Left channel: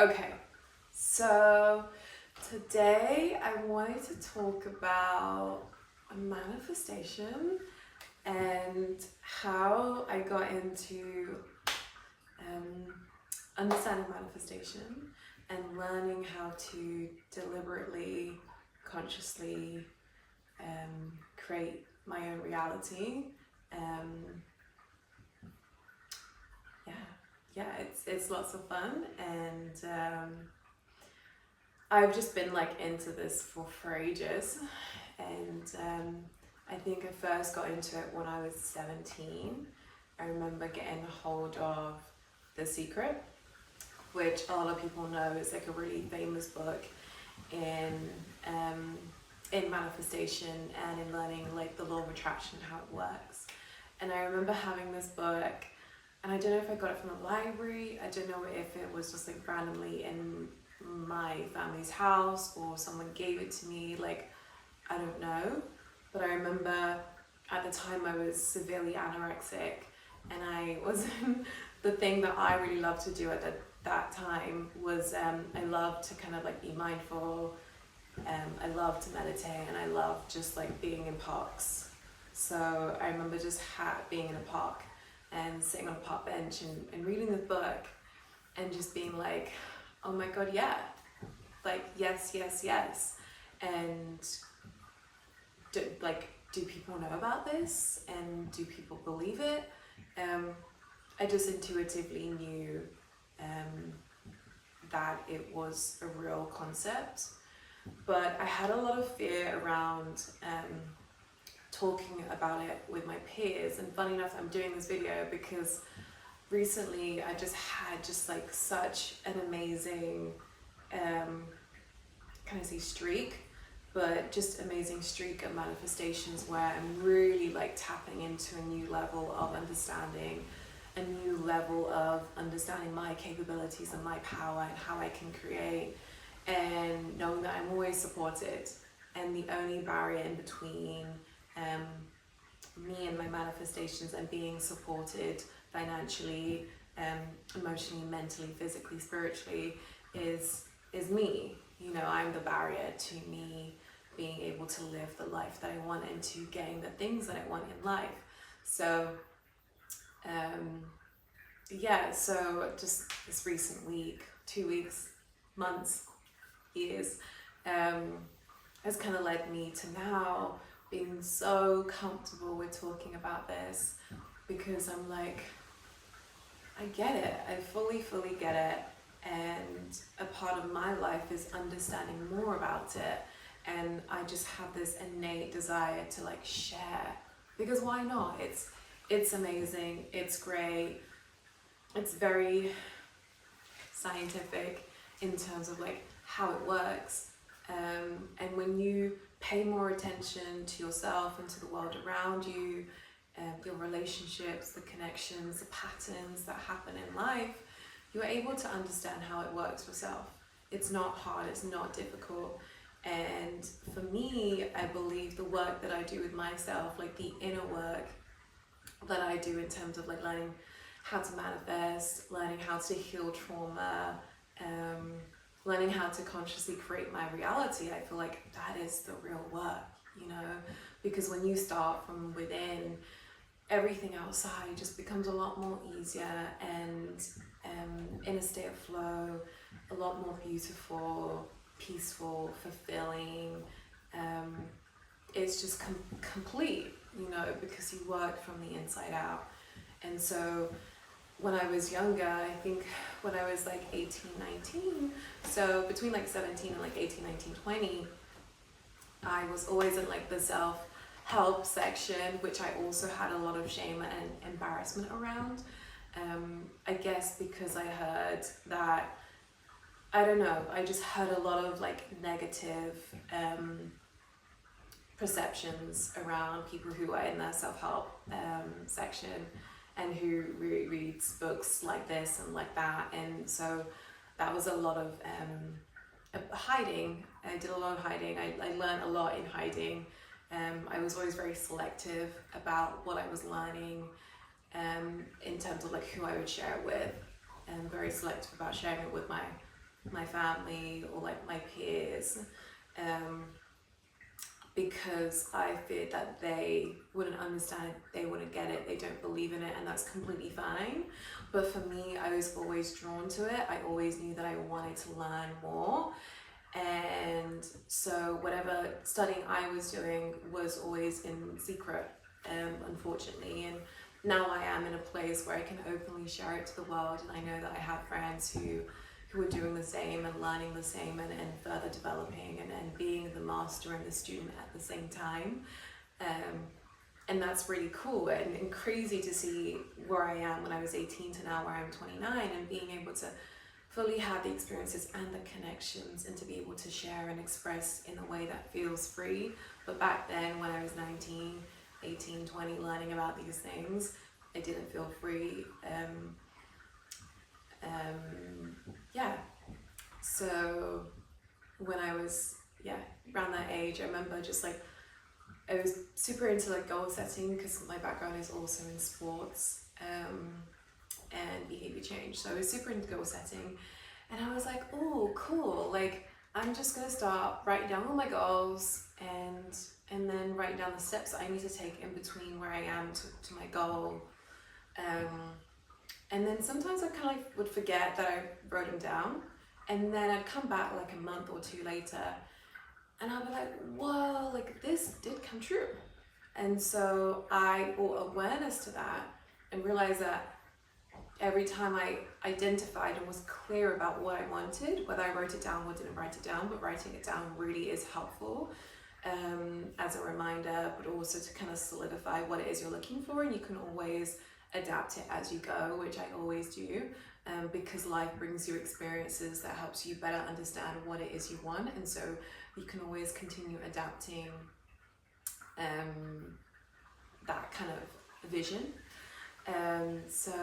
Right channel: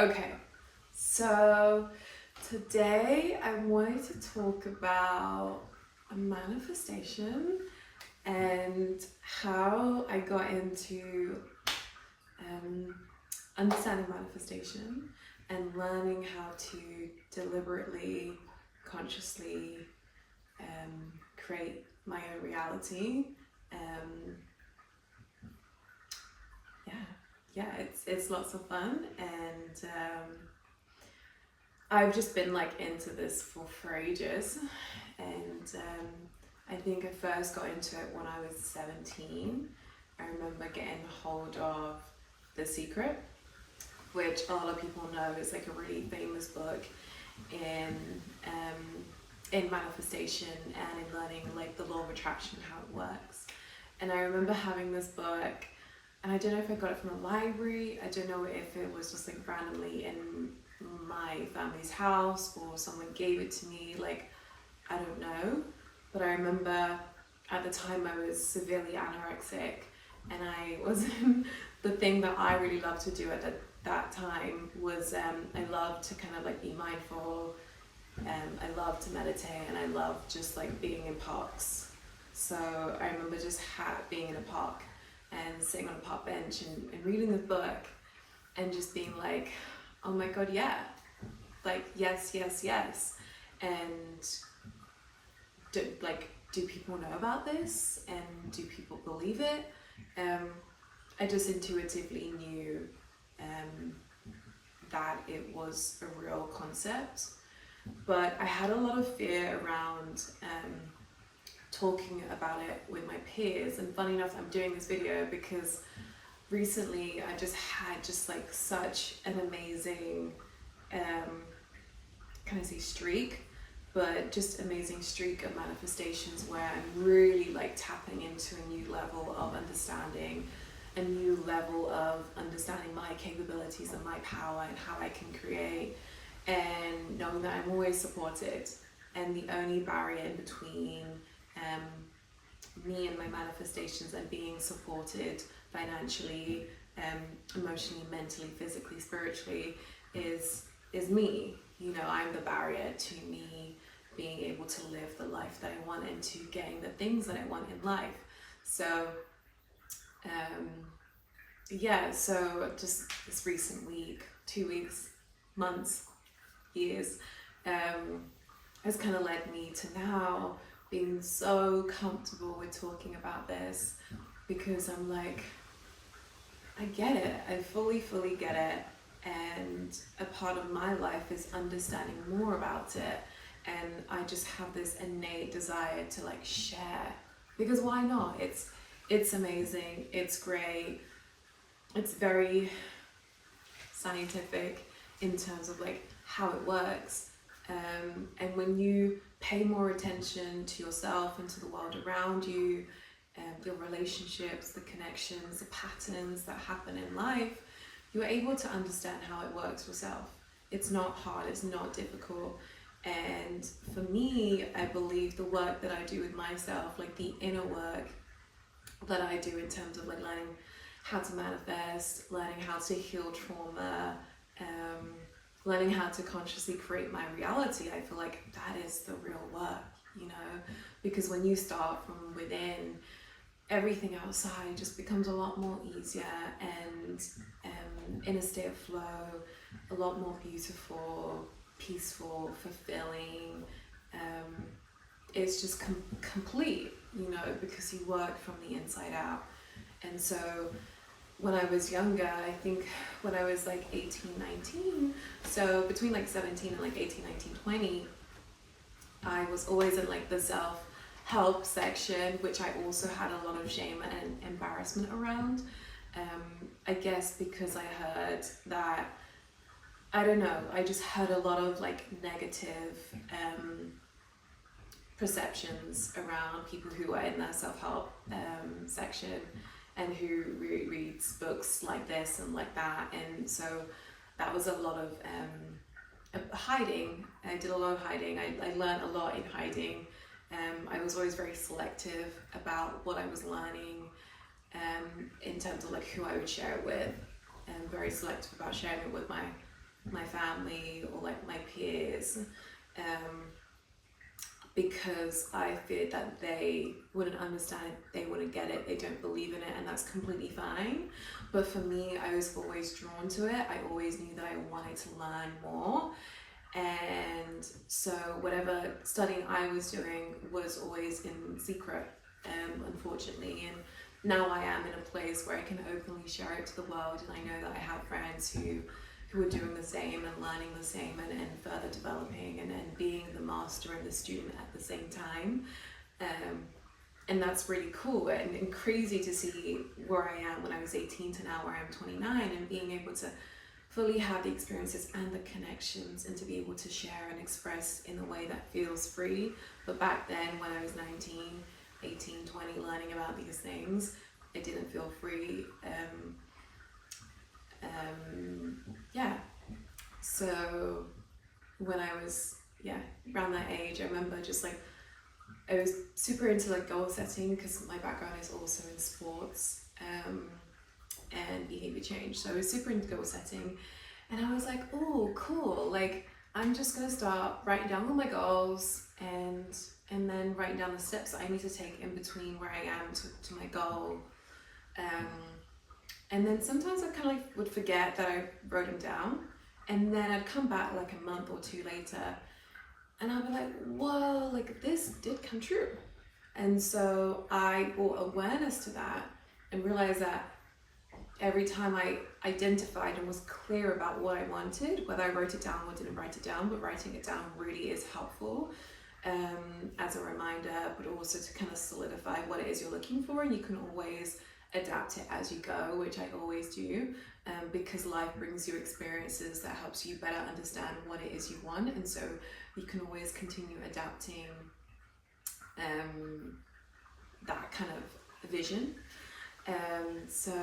Okay, so today I wanted to talk about a manifestation and how I got into um, understanding manifestation and learning how to deliberately, consciously create my own reality. Um, yeah, it's lots of fun, and I've just been like into this for ages, and I think I first got into it when I was 17. I remember getting a hold of The Secret, which a lot of people know is like a really famous book in um, in manifestation and in learning like the law of attraction, how it works. And I remember having this book, and I don't know if I got it from a library. I don't know if it was just like randomly in my family's house or someone gave it to me. Like, I don't know. But I remember at the time I was severely anorexic, and I was the thing that I really loved to do at that time was I loved to kind of like be mindful. I loved to meditate, and I loved just like being in parks. So I remember just being in a park and sitting on a park bench and reading the book and just being like, oh my god, yeah, like yes, yes, yes. And do people know about this, and do people believe it? I just intuitively knew that it was a real concept, but I had a lot of fear around talking about it with my peers. And funny enough, I'm doing this video because recently I just had like such an amazing can I say streak, but just amazing streak of manifestations where I'm really like tapping into a new level of understanding, a new level of understanding my capabilities and my power and how I can create, and knowing that I'm always supported, and the only barrier in between me and my manifestations and being supported financially, emotionally, mentally, physically, spiritually is me. You know, I'm the barrier to me being able to live the life that I want and to getting the things that I want in life. So so just this recent week, 2 weeks, months, years, has kind of led me to now being so comfortable with talking about this, because I'm like, I get it, I fully get it, and a part of my life is understanding more about it, and I just have this innate desire to like share, because why not? It's amazing, it's great, it's very scientific in terms of like how it works, and when you pay more attention to yourself and to the world around you, your relationships, the connections, the patterns that happen in life, you're able to understand how it works yourself. It's not hard, it's not difficult. And for me, I believe the work that I do with myself, like the inner work that I do in terms of like learning how to manifest, learning how to heal trauma, learning how to consciously create my reality, I feel like that is the real work, you know, because when you start from within, everything outside just becomes a lot more easier and in a state of flow, a lot more beautiful, peaceful, fulfilling. It's just complete, you know, because you work from the inside out. And so when I was younger, I think when I was like 18, 19, so between like 17 and like 18, 19, 20, I was always in like the self-help section, which I also had a lot of shame and embarrassment around. I guess because I heard that, I don't know, I just heard a lot of like negative perceptions around people who are in their self-help section and who reads books like this and like that. And so that was a lot of hiding. I did a lot of hiding. I learned a lot in hiding. I was always very selective about what I was learning in terms of like who I would share it with, and very selective about sharing it with my my family or like my peers, because I feared that they wouldn't understand it, they wouldn't get it, they don't believe in it, and that's completely fine. But for me, I was always drawn to it. I always knew that I wanted to learn more. And so whatever studying I was doing was always in secret, unfortunately. And now I am in a place where I can openly share it to the world, and I know that I have friends who are doing the same and learning the same, and further developing and being the master and the student at the same time. And that's really cool and crazy to see where I am when I was 18 to now where I'm 29, and being able to fully have the experiences and the connections, and to be able to share and express in a way that feels free. But back then, when I was 19, 18, 20, learning about these things, it didn't feel free. Yeah. So when I was around that age, I remember just like I was super into like goal setting, because my background is also in sports and behavior change. So I was super into goal setting, and I was like, oh, cool. Like, I'm just gonna start writing down all my goals and then writing down the steps that I need to take in between where I am to my goal. And then sometimes I kind of like would forget that I wrote them down, and then I'd come back like a month or two later, and I'd be like, whoa, like this did come true. And so I brought awareness to that and realized that every time I identified and was clear about what I wanted, whether I wrote it down or didn't write it down, but writing it down really is helpful as a reminder, but also to kind of solidify what it is you're looking for. And you can always adapt it as you go, which I always do, because life brings you experiences that helps you better understand what it is you want, and so you can always continue adapting that kind of vision. So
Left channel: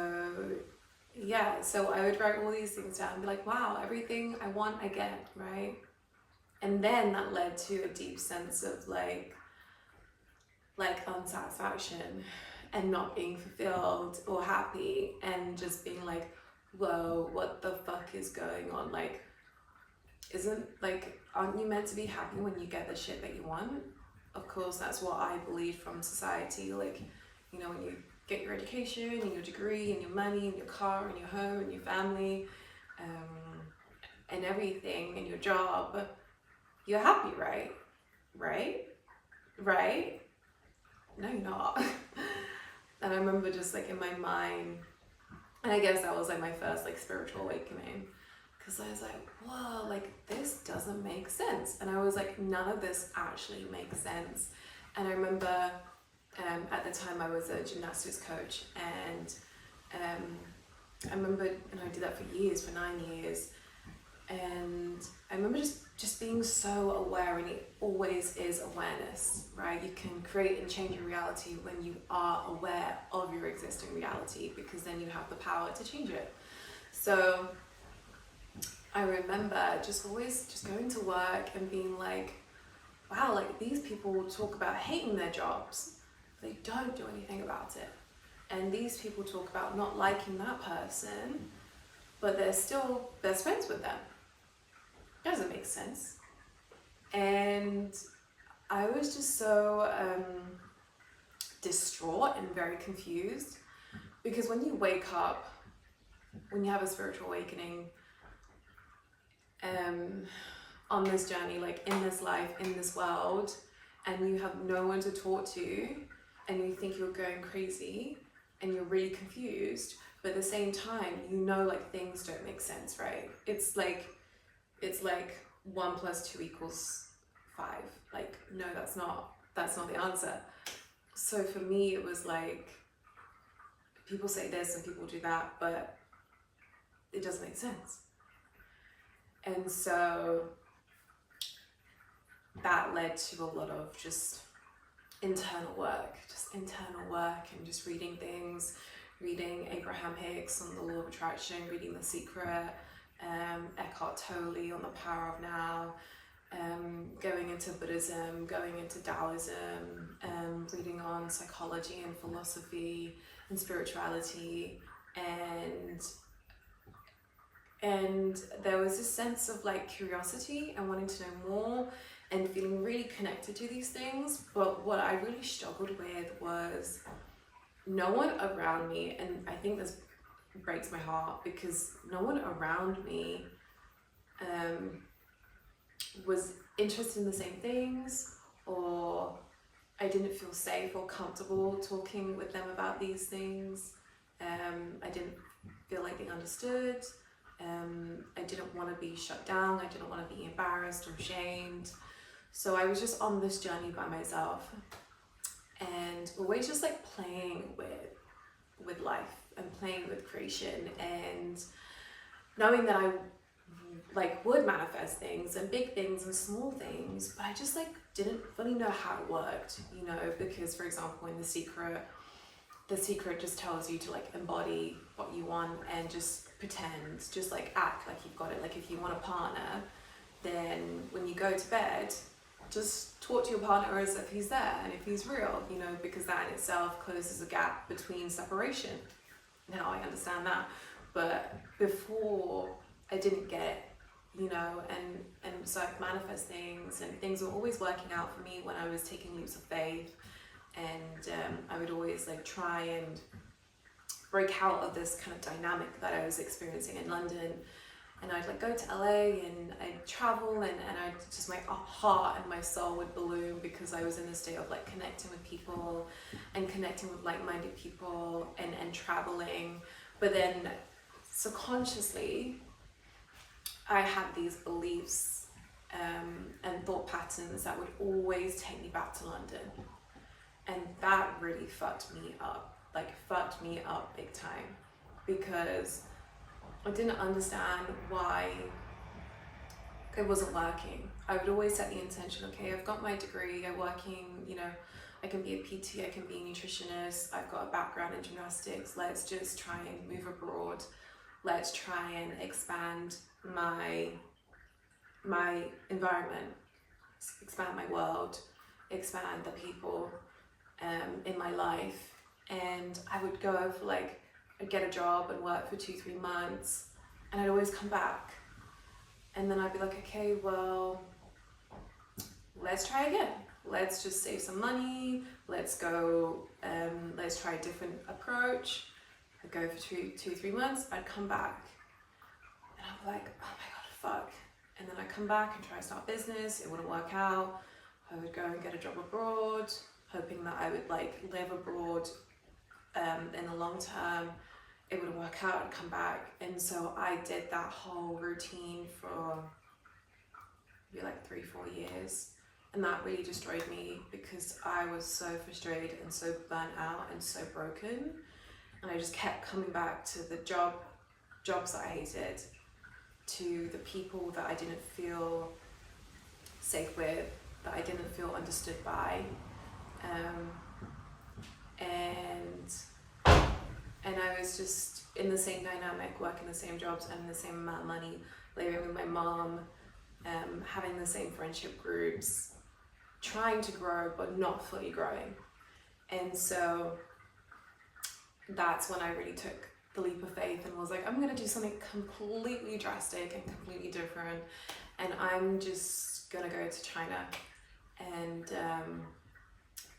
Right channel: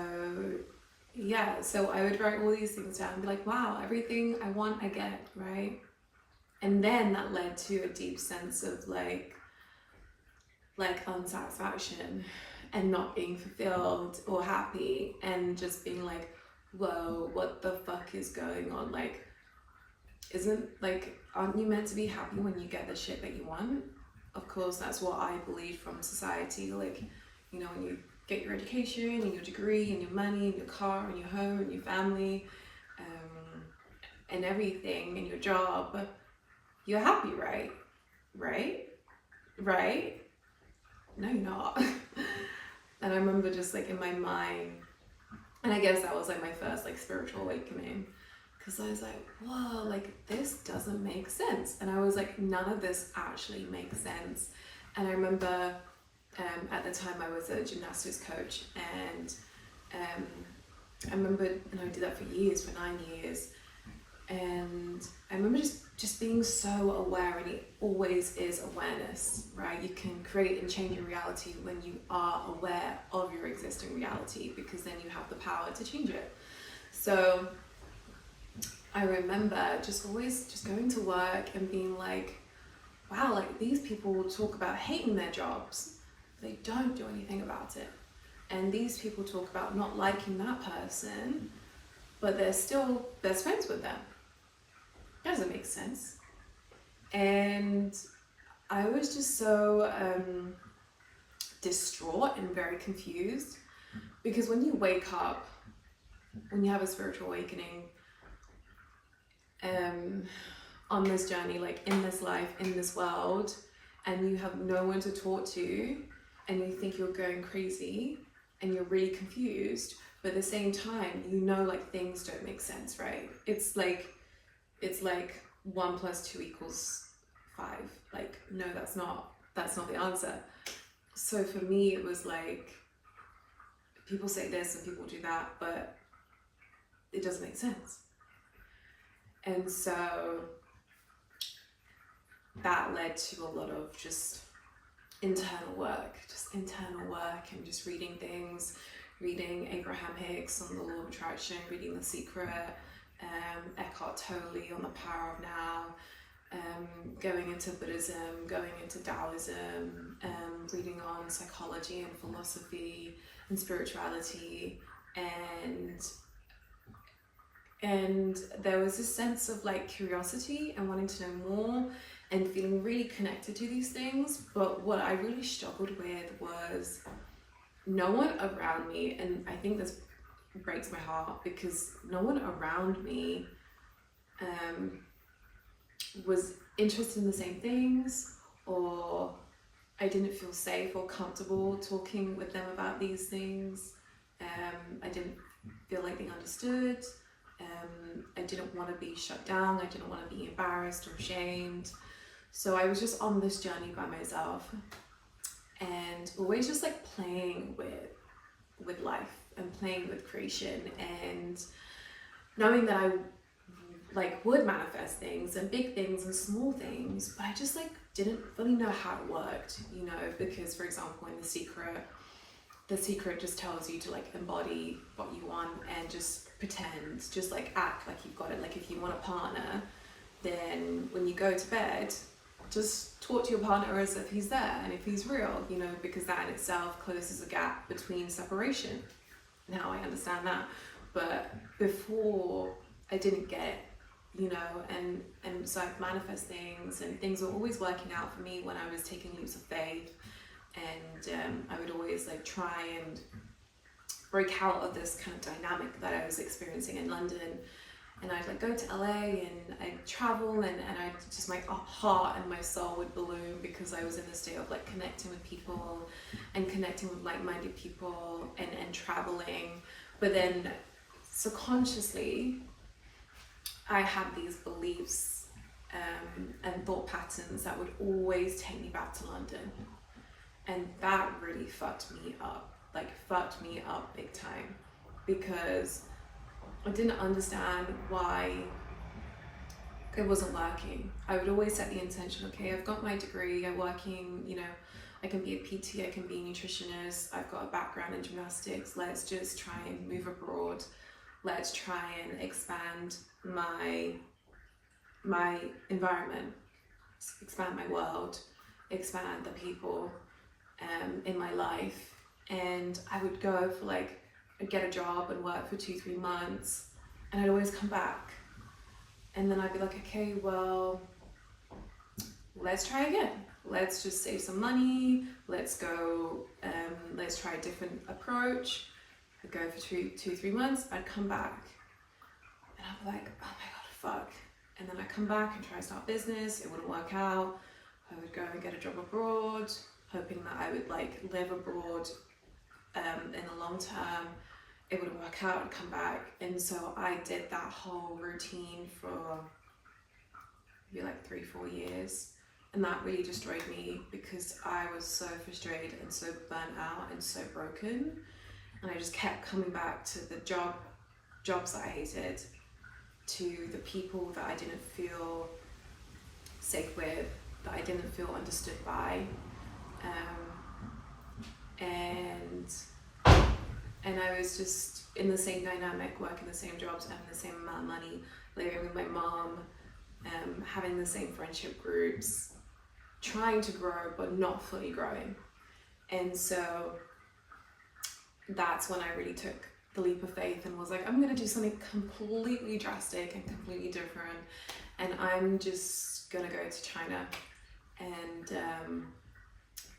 I would write all these things down and be like, wow, everything I want I get, right? And then that led to a deep sense of like unsatisfaction and not being fulfilled or happy, and just being like, whoa, what the fuck is going on? Like, aren't you meant to be happy when you get the shit that you want? Of course, that's what I believe from society. Like, you know, when you get your education and your degree and your money and your car and your home and your family and everything and your job, you're happy, right? Right? No, you're not. And I remember just like in my mind, and I guess that was like my first like spiritual awakening, because I was like, whoa, like this doesn't make sense. And I was like, none of this actually makes sense. And I remember at the time I was a gymnastics coach, and I remember, and I did that for years, for 9 years, and I remember just being so aware, and it always is awareness, right? You can create and change your reality when you are aware of your existing reality, because then you have the power to change it. So I remember just always just going to work and being like, wow, like these people talk about hating their jobs, they don't do anything about it. And these people talk about not liking that person, but they're still best friends with them. That doesn't make sense. And I was just so distraught and very confused, because when you wake up, when you have a spiritual awakening on this journey, like in this life, in this world, and you have no one to talk to, and you think you're going crazy and you're really confused, but at the same time, you know, like things don't make sense, right? It's like 1 + 2 = 5. Like, no, that's not the answer. So for me, it was like, people say this and people do that, but it doesn't make sense. And so that led to a lot of just internal work and just reading things, reading Abraham Hicks on the Law of Attraction, reading The Secret, Eckhart Tolle on The Power of Now, going into Buddhism, going into Taoism, reading on psychology and philosophy and spirituality, and And there was this sense of like curiosity and wanting to know more and feeling really connected to these things. But what I really struggled with was no one around me, and I think this breaks my heart because no one around me was interested in the same things, or I didn't feel safe or comfortable talking with them about these things. I didn't feel like they understood. I didn't want to be shut down. I didn't want to be embarrassed or shamed. So I was just on this journey by myself, and always just like playing with life and playing with creation, and knowing that I like would manifest things and big things and small things, but I just like didn't really know how it worked, you know, because for example in The Secret just tells you to like embody what you want and just pretend, just like act like you've got it. Like if you want a partner, then when you go to bed, just talk to your partner as if he's there and if he's real, you know, because that in itself closes a gap between separation. Now I understand that, but before I didn't get, you know, and so I'd manifest things, and things were always working out for me when I was taking leaps of faith. And I would always like try and break out of this kind of dynamic that I was experiencing in London. And I'd like go to LA and I'd travel, and I just, my heart and my soul would balloon because I was in this state of like connecting with people and connecting with like-minded people and traveling. But then subconsciously I had these beliefs and thought patterns that would always take me back to London. And that really fucked me up big time, because I didn't understand why it wasn't working. I would always set the intention, okay, I've got my degree, I'm working, you know, I can be a PT, I can be a nutritionist, I've got a background in gymnastics, let's just try and move abroad. Let's try and expand my environment, expand my world, expand the people in my life. And I would go for like, I'd get a job and work for 2-3 months, and I'd always come back. And then I'd be like, okay, well, let's try again. Let's just save some money. Let's go, let's try a different approach. I'd go for 2-3 months, I'd come back. And I'd be like, oh my God, fuck. And then I'd come back and try to start business. It wouldn't work out. I would go and get a job abroad, hoping that I would like live abroad in the long term. It would work out and come back. And so I did that whole routine for maybe like 3-4 years. And that really destroyed me because I was so frustrated and so burnt out and so broken. And I just kept coming back to the jobs that I hated, to the people that I didn't feel safe with, that I didn't feel understood by. And I was just in the same dynamic, working the same jobs, earning the same amount of money, living with my mom, having the same friendship groups, trying to grow but not fully growing. And so that's when I really took the leap of faith and was like, I'm gonna do something completely drastic and completely different, and I'm just gonna go to China. And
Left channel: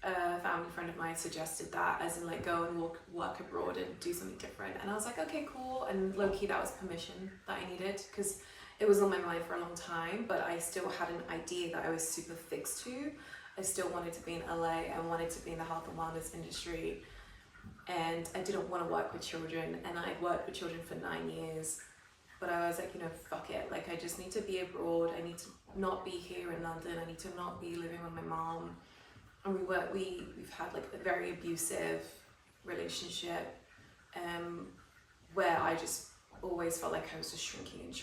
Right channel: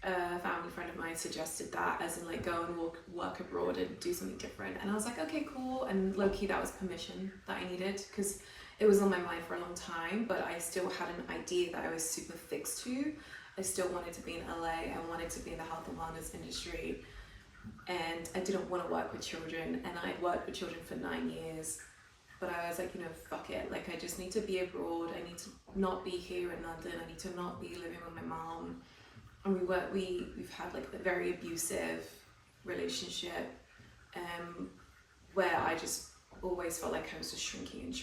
a family friend of mine suggested that, as in like go and work abroad and do something different. And I was like, okay, cool. And low-key, that was permission that I needed, because it was on my mind for a long time, but I still had an idea that I was super fixed to. I still wanted to be in LA. I wanted to be in the health and wellness industry. And I didn't want to work with children, and I worked with children for 9 years. But I was like, you know, fuck it. Like, I just need to be abroad. I need to not be here in London. I need to not be living with my mom. And we've had like a very abusive relationship, where I just always felt like I was just shrinking.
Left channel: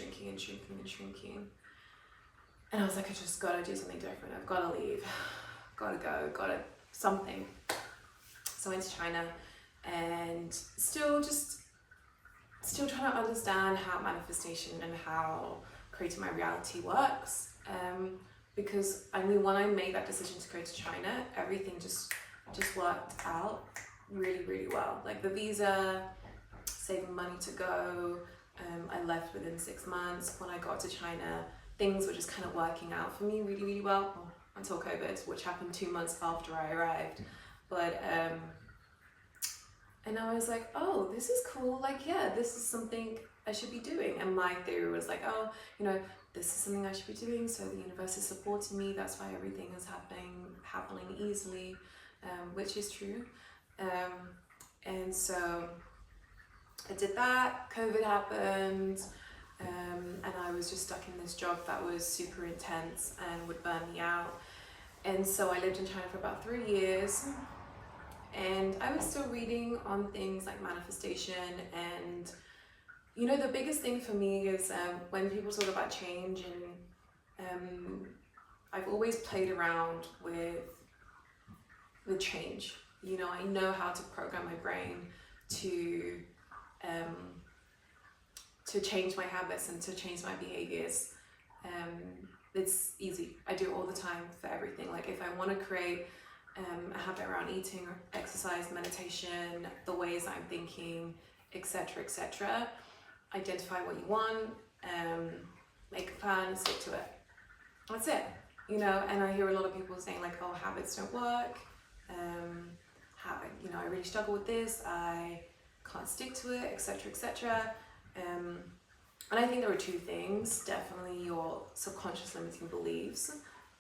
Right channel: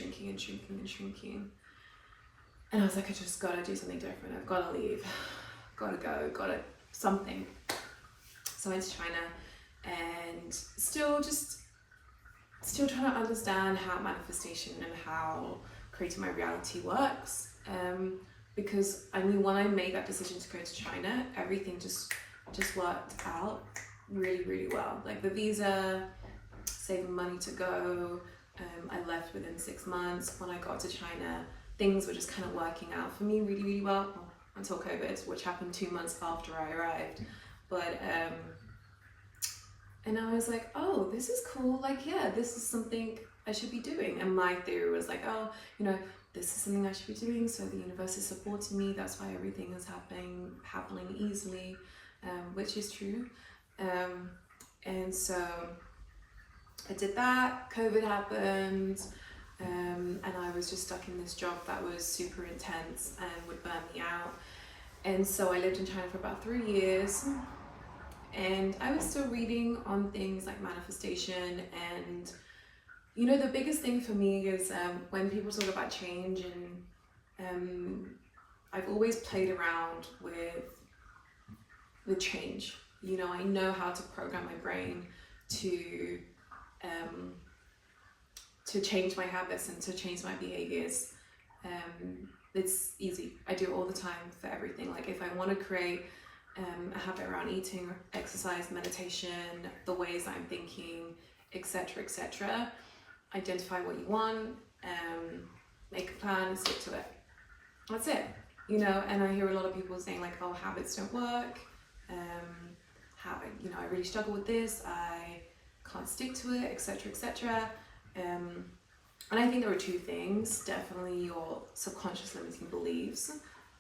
And I was like, I just gotta do something different. I've gotta leave, gotta go, something. So I went to China, and still trying to understand how manifestation and how creating my reality works. Because I knew when I made that decision to go to China, everything just worked out really, really well. Like the visa, saving money to go, I left within 6 months. When I got to China, things were just kind of working out for me really, really well until COVID, which happened 2 months after I arrived. But and I was like, oh, this is cool. Like, yeah, this is something I should be doing. And my theory was like, oh, you know, this is something I should be doing. So the universe is supporting me. That's why everything is happening easily, which is true. And so I did that. COVID happened, and I was just stuck in this job that was super intense and would burn me out. And so I lived in China for about 3 years. And I was still reading on things like manifestation, and you know, the biggest thing for me is when people talk about change, and I've always played around with change. You know, I know how to program my brain to change my habits and to change my behaviors. It's easy. I do it all the time for everything. Like if I want to create a habit around eating, exercise, meditation, the ways I'm thinking, etc., etc. Identify what you want, make a plan, and stick to it. That's it, you know. And I hear a lot of people saying like, "Oh, habits don't work. You know, I really struggle with this. I can't stick to it, etc., etc." And I think there are two things. Definitely, your subconscious limiting beliefs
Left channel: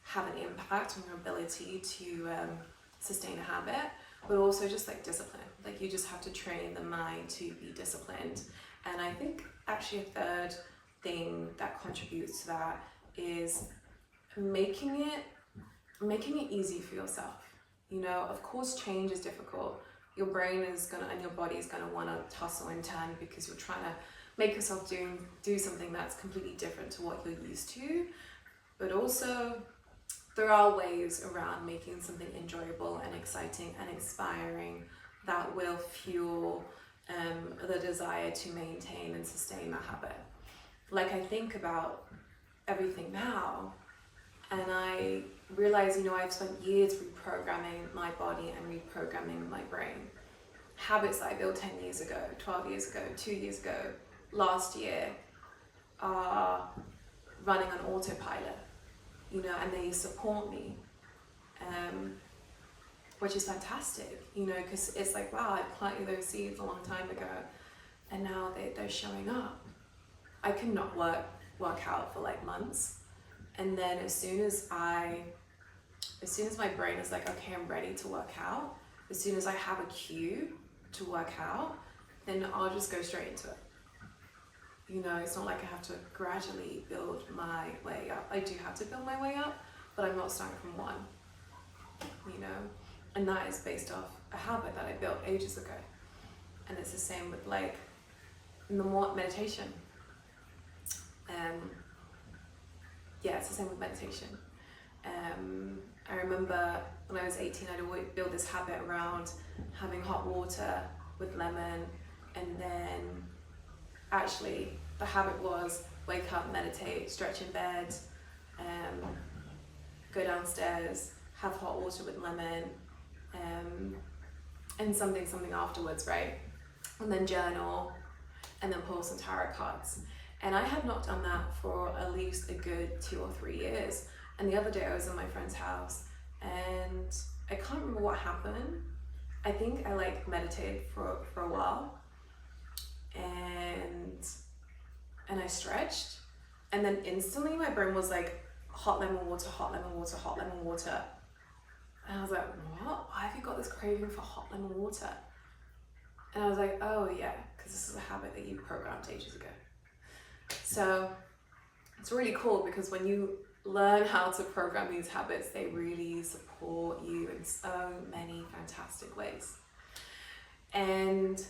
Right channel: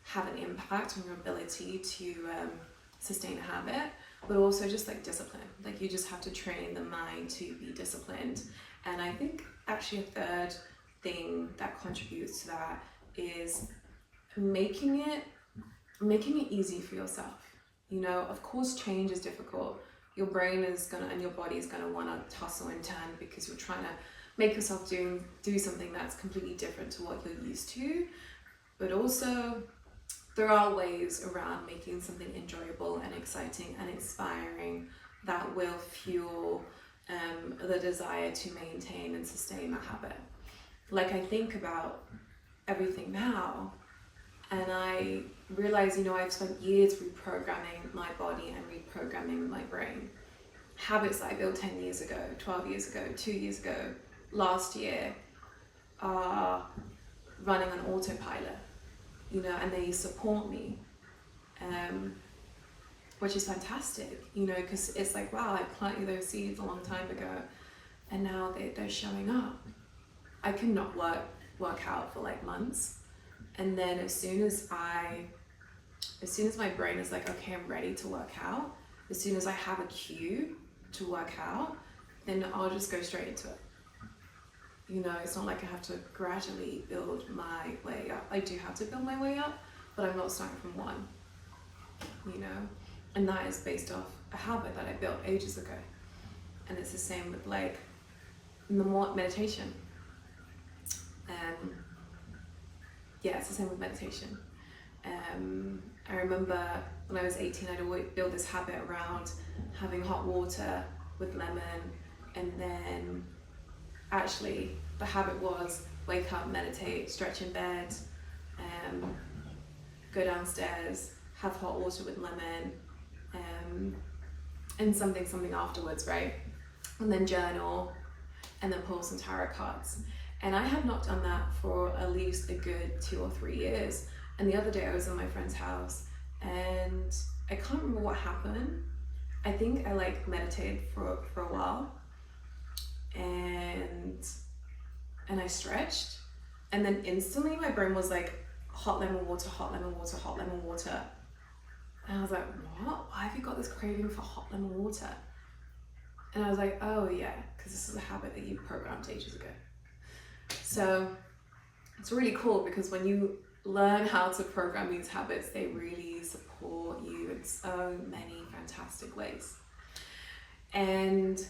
have an impact on your ability to sustain a habit, but also just like discipline. Like you just have to train the mind to be disciplined. And I think actually a third thing that contributes to that is making it easy for yourself. You know, of course change is difficult. Your brain is gonna and your body is gonna want to tussle and turn because you're trying to make yourself do something that's completely different to what you're used to. But also there are ways around making something enjoyable and exciting and inspiring that will fuel the desire to maintain and sustain that habit. Like I think about everything now and I realize, you know, I've spent years reprogramming my body and reprogramming my brain. Habits that I built 10 years ago, 12 years ago, 2 years ago, last year are running on autopilot, you know, and they support me, which is fantastic, you know, because it's like, wow, I planted those seeds a long time ago and now they're showing up. I could not work out for like months, and then as soon as my brain is like, okay, I'm ready to work out, as soon as I have a cue to work out, then I'll just go straight into it. You know, it's not like I have to gradually build my way up. I do have to build my way up, but I'm not starting from one, you know, and that is based off a habit that I built ages ago. And it's the same with like the more meditation. Yeah, it's the same with meditation. I remember when I was 18, I'd always build this habit around having hot water with lemon, and then actually the habit was wake up, meditate, stretch in bed, go downstairs, have hot water with lemon, and something afterwards, right? And then journal, and then pull some tarot cards. And I had not done that for at least a good 2 or 3 years. And the other day I was in my friend's house and I can't remember what happened. I think I like meditated for a while, and I stretched, and then instantly my brain was like, hot lemon water, hot lemon water, hot lemon water. And I was like, what? Why have you got this craving for hot lemon water? And I was like, oh yeah, because this is a habit that you programmed ages ago. So it's really cool because when you learn how to program these habits, they really support you in so many fantastic ways. And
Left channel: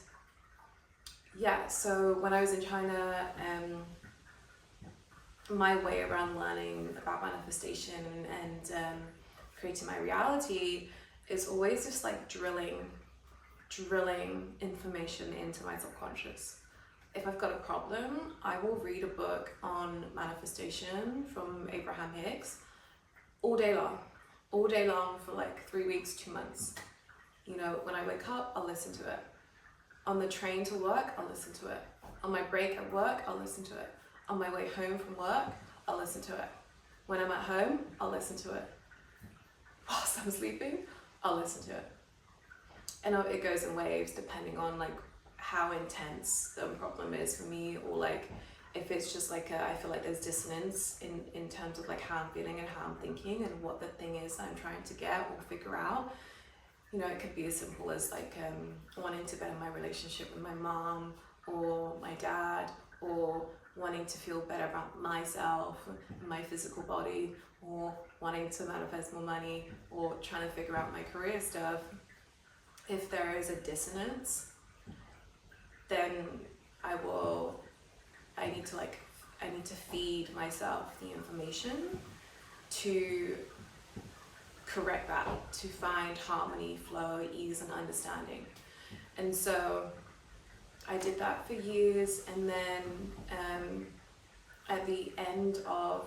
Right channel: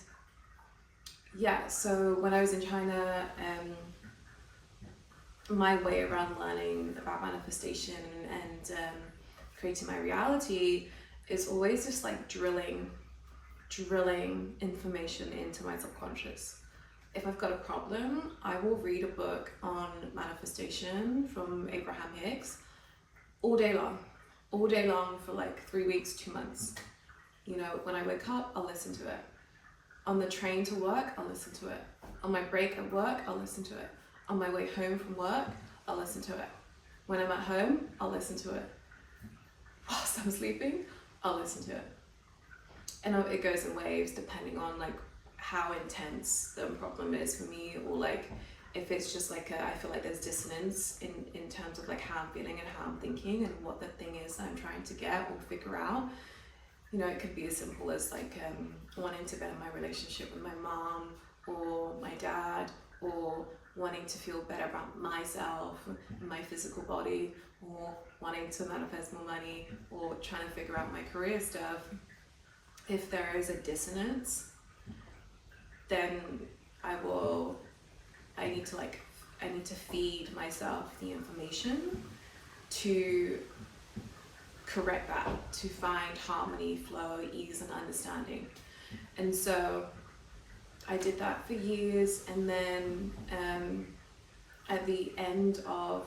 yeah, so when I was in China, my way around learning about manifestation and creating my reality is always just like drilling information into my subconscious. If I've got a problem, I will read a book on manifestation from Abraham Hicks all day long for like 3 weeks, 2 months. You know, when I wake up, I'll listen to it. On the train to work, I'll listen to it. On my break at work, I'll listen to it. On my way home from work, I'll listen to it. When I'm at home, I'll listen to it. Whilst I'm sleeping, I'll listen to it. And it goes in waves depending on like how intense the problem is for me, or like if it's just like I feel like there's dissonance in terms of like how I'm feeling and how I'm thinking and what the thing is I'm trying to get or figure out. You know, it could be as simple as like wanting to better my relationship with my mom or my dad, or wanting to feel better about myself and my physical body, or wanting to manifest more money, or trying to figure out my career stuff. If there is a dissonance, then I need to feed myself the information to correct that, to find harmony, flow, ease, and understanding. And so I did that for years, and then at the end of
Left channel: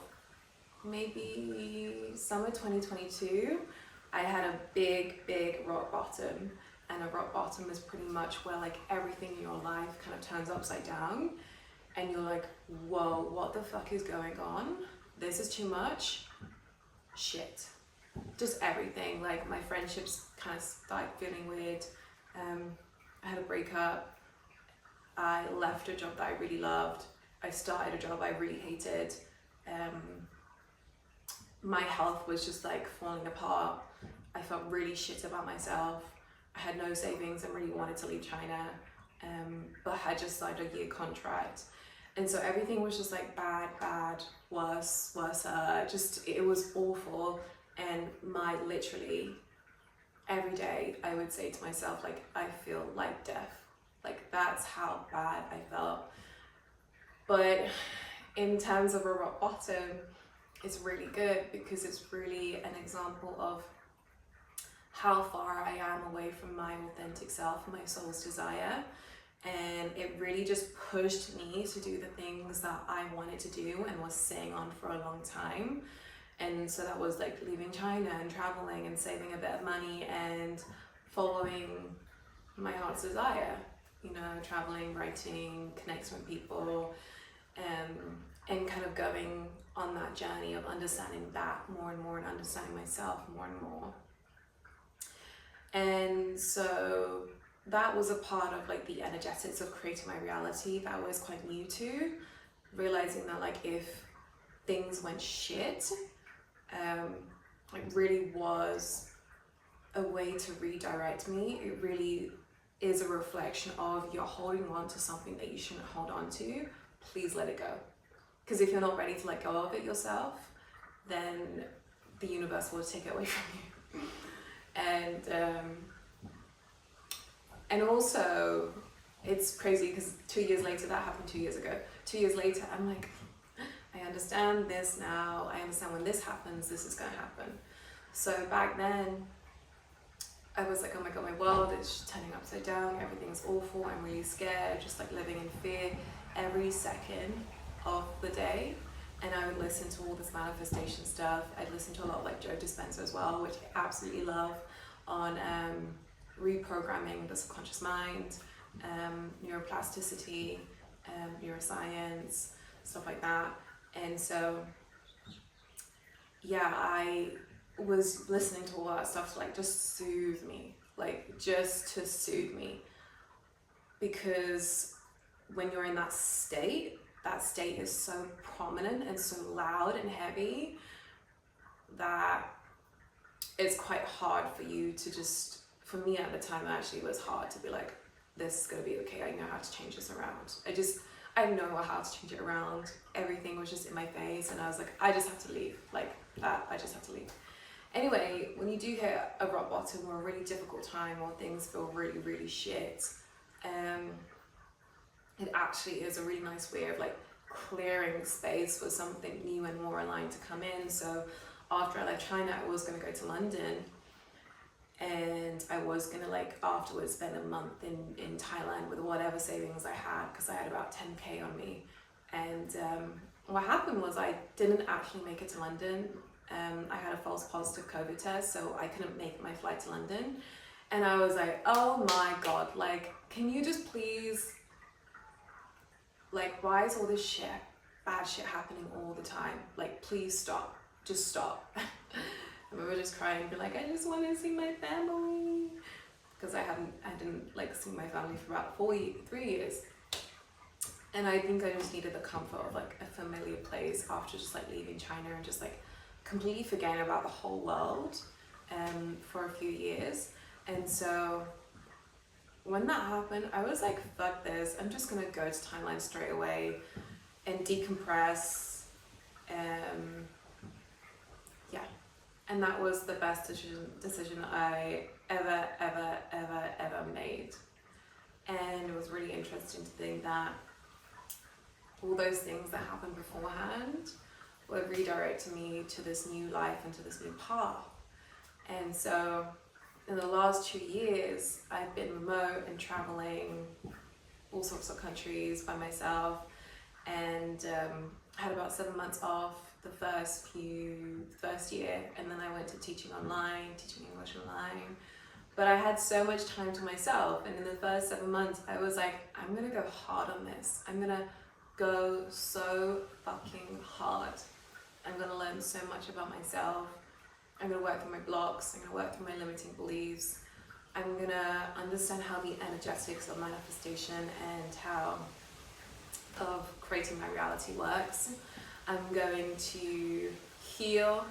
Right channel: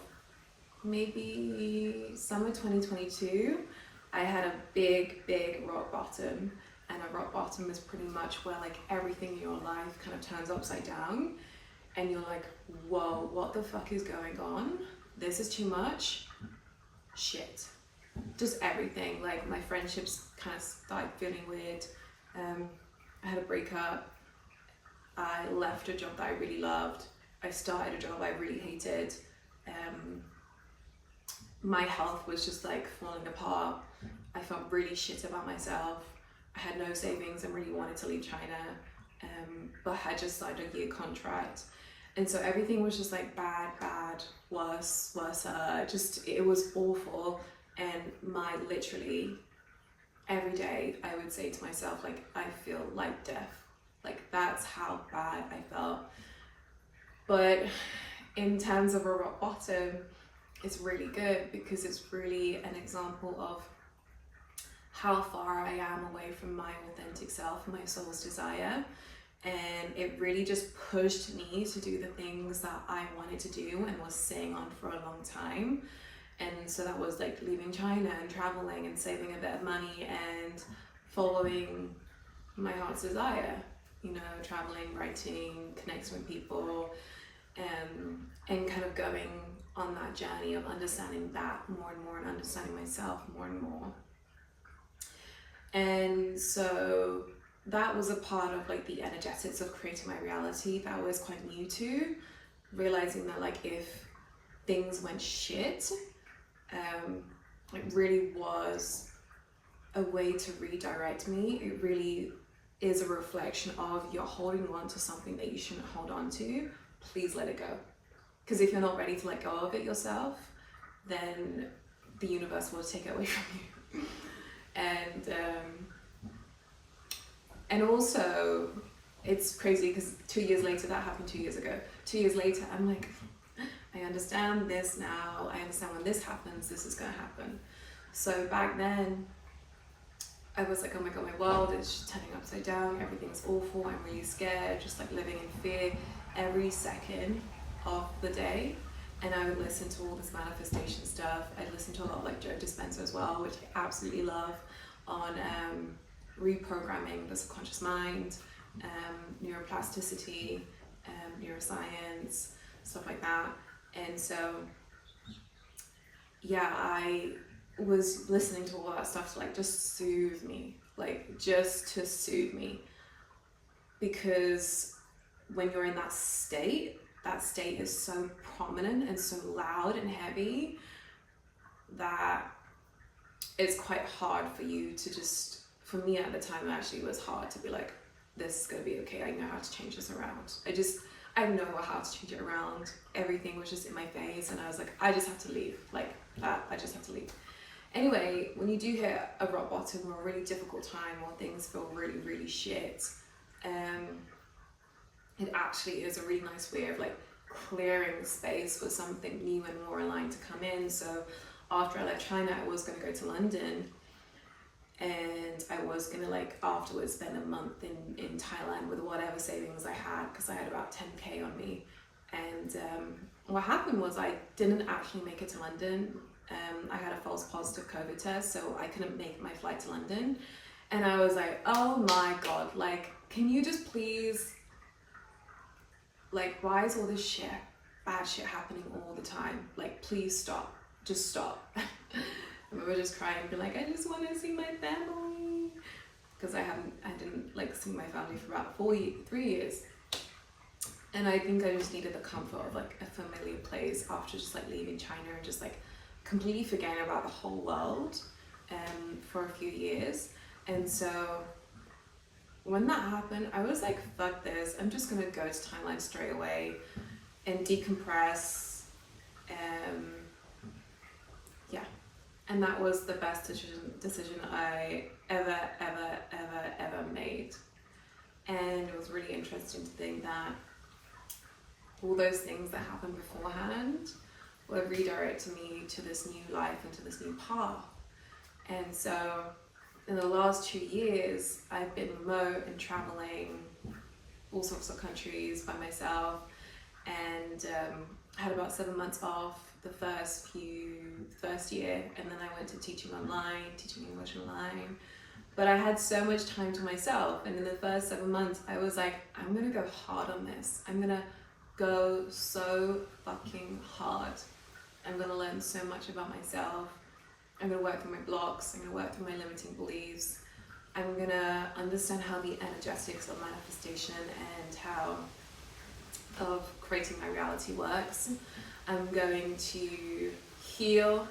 maybe summer 2022, I had a big rock bottom. And a rock bottom is pretty much where like everything in your life kind of turns upside down, and you're like, whoa, what the fuck is going on? This is too much. Shit. Just everything. Like my friendships kind of started feeling weird. I had a breakup. I left a job that I really loved. I started a job I really hated. My health was just like falling apart. I felt really shit about myself. I had no savings and really wanted to leave China, but had just signed a year contract. And so everything was just like bad, worse, just, it was awful. And literally every day I would say to myself, like, I feel like death. Like that's how bad I felt. But in terms of a rock bottom, it's really good because it's really an example of how far I am away from my authentic self, my soul's desire. And it really just pushed me to do the things that I wanted to do and was sitting on for a long time. And so that was like leaving China and traveling and saving a bit of money and following my heart's desire, you know, traveling, writing, connecting with people, and kind of going on that journey of understanding that more and more and understanding myself more and more. And so that was a part of like the energetics of creating my reality that I was quite new to, realizing that like if things went shit, it really was a way to redirect me. It really is a reflection of you're holding on to something that you shouldn't hold on to. Please let it go. Because if you're not ready to let go of it yourself, then the universe will take it away from you. And also it's crazy because 2 years later, that happened 2 years ago. 2 years later, I'm like, I understand this now. I understand when this happens, this is going to happen. So back then, I was like, oh my God, my world is just turning upside down. Everything's awful. I'm really scared, just like living in fear every second of the day. And I would listen to all this manifestation stuff. I'd listen to a lot of like Joe Dispenza as well, which I absolutely love, on reprogramming the subconscious mind, neuroplasticity, neuroscience, stuff like that. And so, yeah, I was listening to all that stuff to like just soothe me, like just to soothe me. Because when you're in that state is so prominent and so loud and heavy that it's quite hard for you to just, for me at the time, it actually was hard to be like, this is gonna be okay, I know how to change this around. I know how to change it around. Everything was just in my face, and I was like, I just have to leave, like that, I just have to leave. Anyway, when you do hit a rock bottom or a really difficult time or things feel really, really shit, it actually is a really nice way of like clearing space for something new and more aligned to come in. So after I left China, I was gonna go to London, and I was gonna like afterwards spend a month in Thailand with whatever savings I had, because I had about 10k on me. And what happened was I didn't actually make it to London. I had a false positive COVID test, so I couldn't make my flight to London. And I was like, oh my God, like, can you just please Like, why is all this bad shit happening all the time? Like, please stop. Just stop. And we were just crying, be like, I just want to see my family. Because I didn't like see my family for about 3 years. And I think I just needed the comfort of like a familiar place after just like leaving China and just like completely forgetting about the whole world for a few years. And so when that happened, I was like, fuck this, I'm just gonna go to Thailand straight away and decompress. Yeah, and that was the best decision I ever made. And it was really interesting to think that all those things that happened beforehand were redirecting me to this new life and to this new path. And so in the last 2 years, I've been remote and traveling all sorts of countries by myself, and had about 7 months off the first year, and then I went to teaching English online. But I had so much time to myself, and in the first 7 months, I was like, I'm gonna go hard on this. I'm gonna go so fucking hard. I'm gonna learn so much about myself. I'm gonna work through my blocks. I'm gonna work through my limiting beliefs. I'm gonna understand how the energetics of manifestation and how of creating my reality works. I'm going to heal.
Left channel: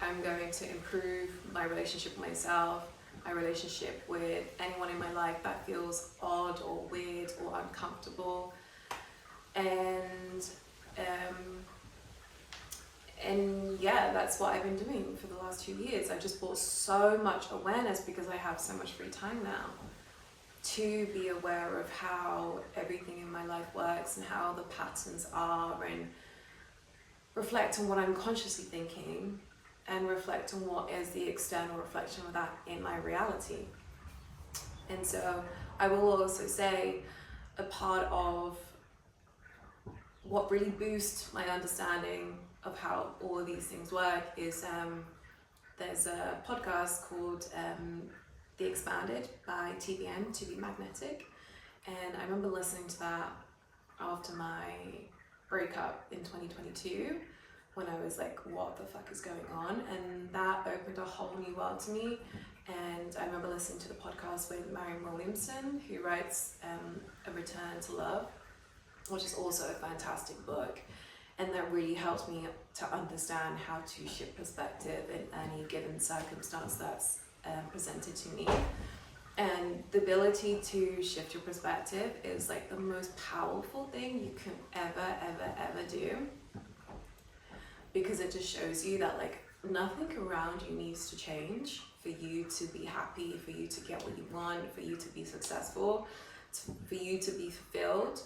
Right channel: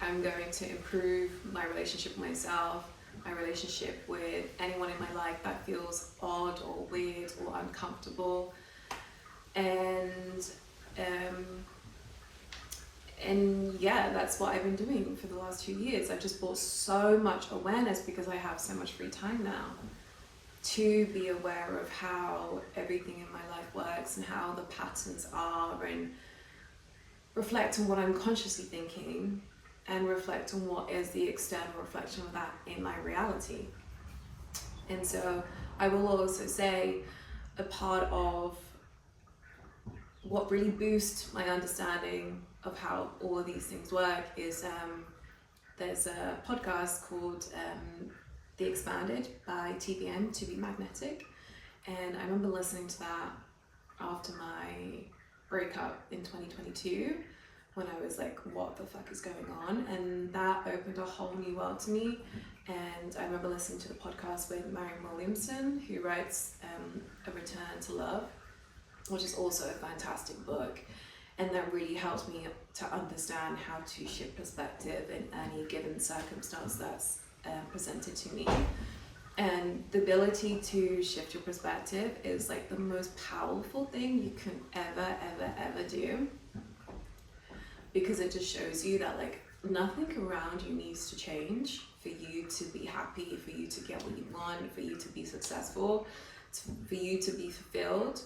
I'm going to improve my relationship with myself, my relationship with anyone in my life that feels odd or weird or uncomfortable. And yeah, that's what I've been doing for the last 2 years. I've just brought so much awareness because I have so much free time now to be aware of how everything in my life works and how the patterns are, and reflect on what I'm consciously thinking and reflect on what is the external reflection of that in my reality. And so I will also say a part of what really boosts my understanding of how all of these things work is there's a podcast called The Expanded by TBM, To Be Magnetic, and I remember listening to that after my breakup in 2022 when I was like, what the fuck is going on? And that opened a whole new world to me. And I remember listening to the podcast with Marianne Williamson, who writes A Return to Love, which is also a fantastic book. And that really helped me to understand how to shift perspective in any given circumstance that's presented to me. And the ability to shift your perspective is like the most powerful thing you can ever do, because it just shows you that like nothing around you needs to change for you to be happy, for you to get what you want, for you to be successful, for you to be fulfilled.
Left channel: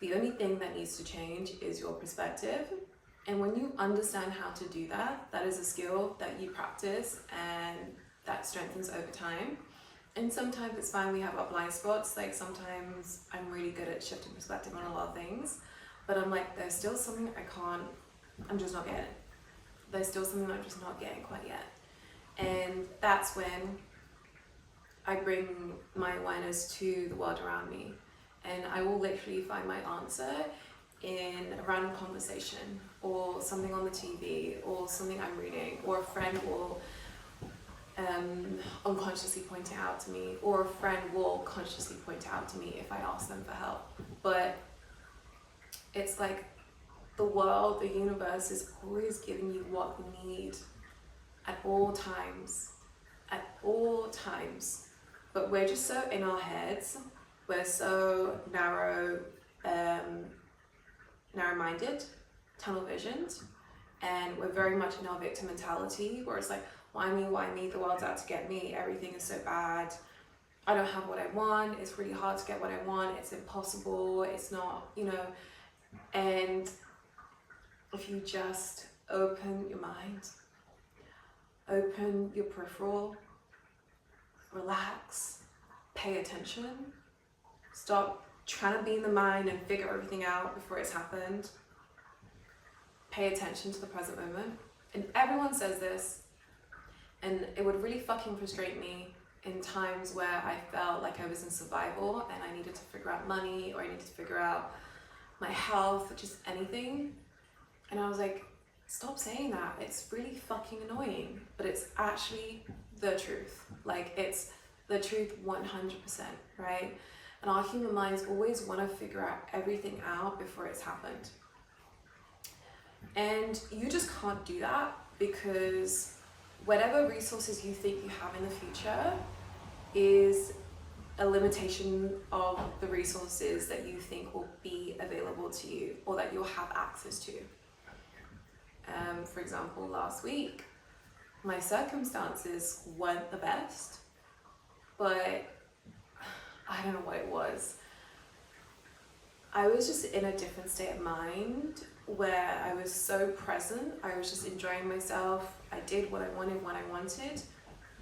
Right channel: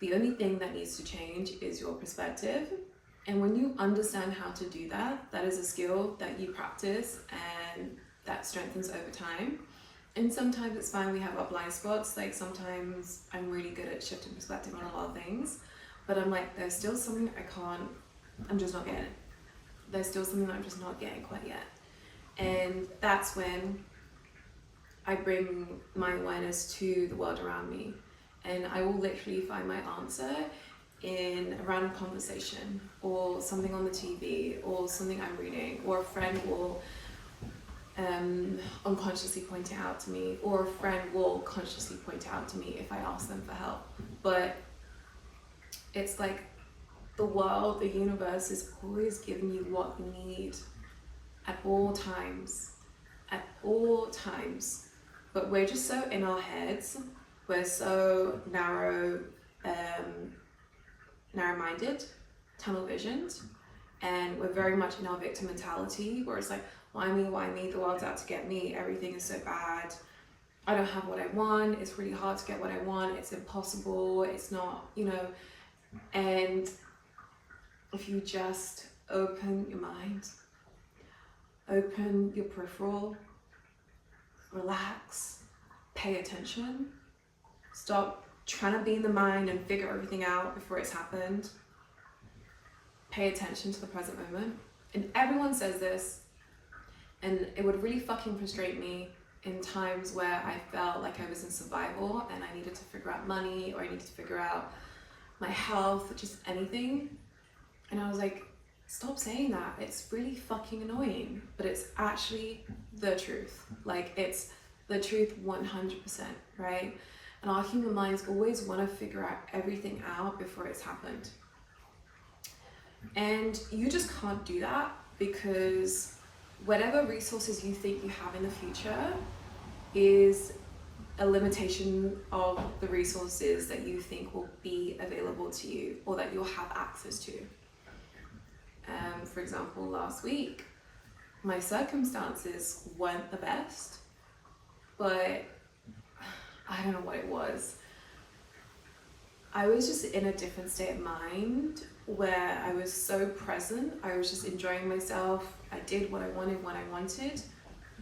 The only thing that needs to change is your perspective. And when you understand how to do that, that is a skill that you practice and that strengthens over time. And sometimes it's fine, we have our blind spots. Like sometimes I'm really good at shifting perspective on a lot of things, but I'm like, there's still something I'm just not getting. There's still something I'm just not getting quite yet. And that's when I bring my awareness to the world around me. And I will literally find my answer in a random conversation or something on the TV or something I'm reading, or a friend will unconsciously point it out to me, or a friend will consciously point it out to me if I ask them for help. But it's like the world, the universe is always giving you what you need at all times, but we're just so in our heads. We're so narrow-minded, tunnel visioned, and we're very much in our victim mentality, where it's like, why me, the world's out to get me, everything is so bad, I don't have what I want, it's really hard to get what I want, it's impossible, it's not, and if you just open your mind, open your peripheral, relax, pay attention, stop trying to be in the mind and figure everything out before it's happened. Pay attention to the present moment. And everyone says this, and it would really fucking frustrate me in times where I felt like I was in survival and I needed to figure out money, or I needed to figure out my health, just anything. And I was like, stop saying that. It's really fucking annoying, but it's actually the truth. Like, it's the truth 100%, right? And our human minds always want to figure out everything out before it's happened. And you just can't do that, because whatever resources you think you have in the future is a limitation of the resources that you think will be available to you or that you'll have access to. For example, last week, my circumstances weren't the best, but I don't know what it was. I was just in a different state of mind where I was so present. I was just enjoying myself. I did what I wanted when I wanted,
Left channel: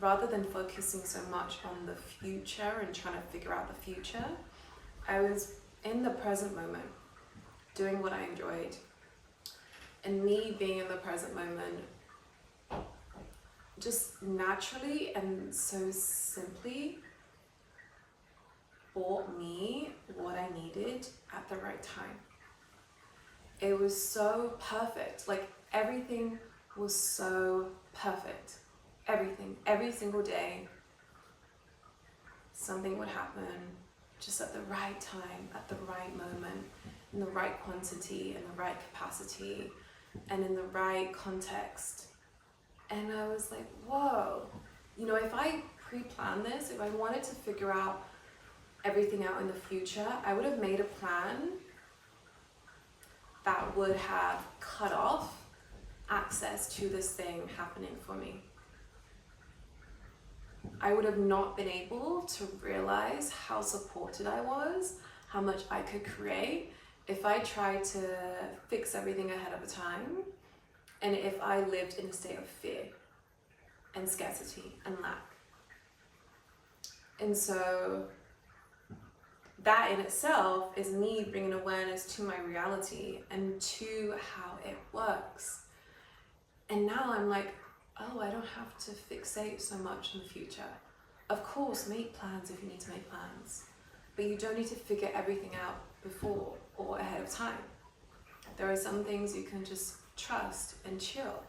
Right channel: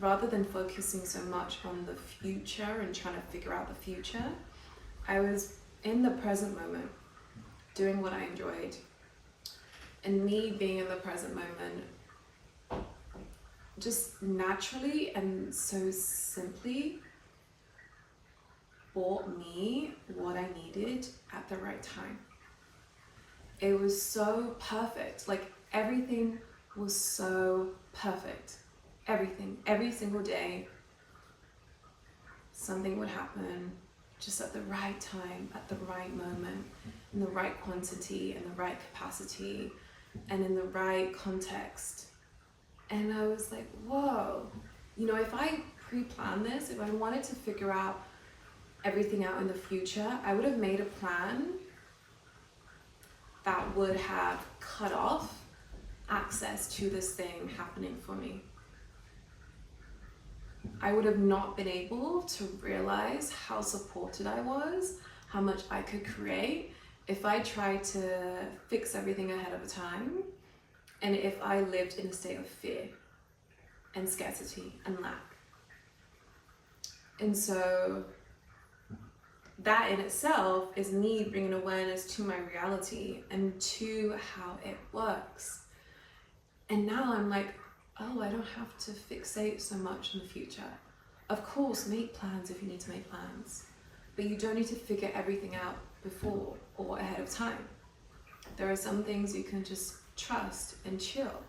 rather than focusing so much on the future and trying to figure out the future. I was in the present moment, doing what I enjoyed. And me being in the present moment just naturally and so simply brought me what I needed at the right time. It was so perfect. Like, everything was so perfect. Everything, every single day, something would happen just at the right time, at the right moment, in the right quantity, in the right capacity, and in the right context. And I was like, whoa, you know, if I pre-planned this, if I wanted to figure out everything out in the future, I would have made a plan that would have cut off access to this thing happening for me. I would have not been able to realize how supported I was, how much I could create, if I tried to fix everything ahead of time, and if I lived in a state of fear and scarcity and lack. And so that in itself is me bringing awareness to my reality and to how it works. And now I'm like, oh, I don't have to fixate so much on the future. Of course, make plans if you need to make plans, but you don't need to figure everything out before or ahead of time. There are some things you can just trust and chill.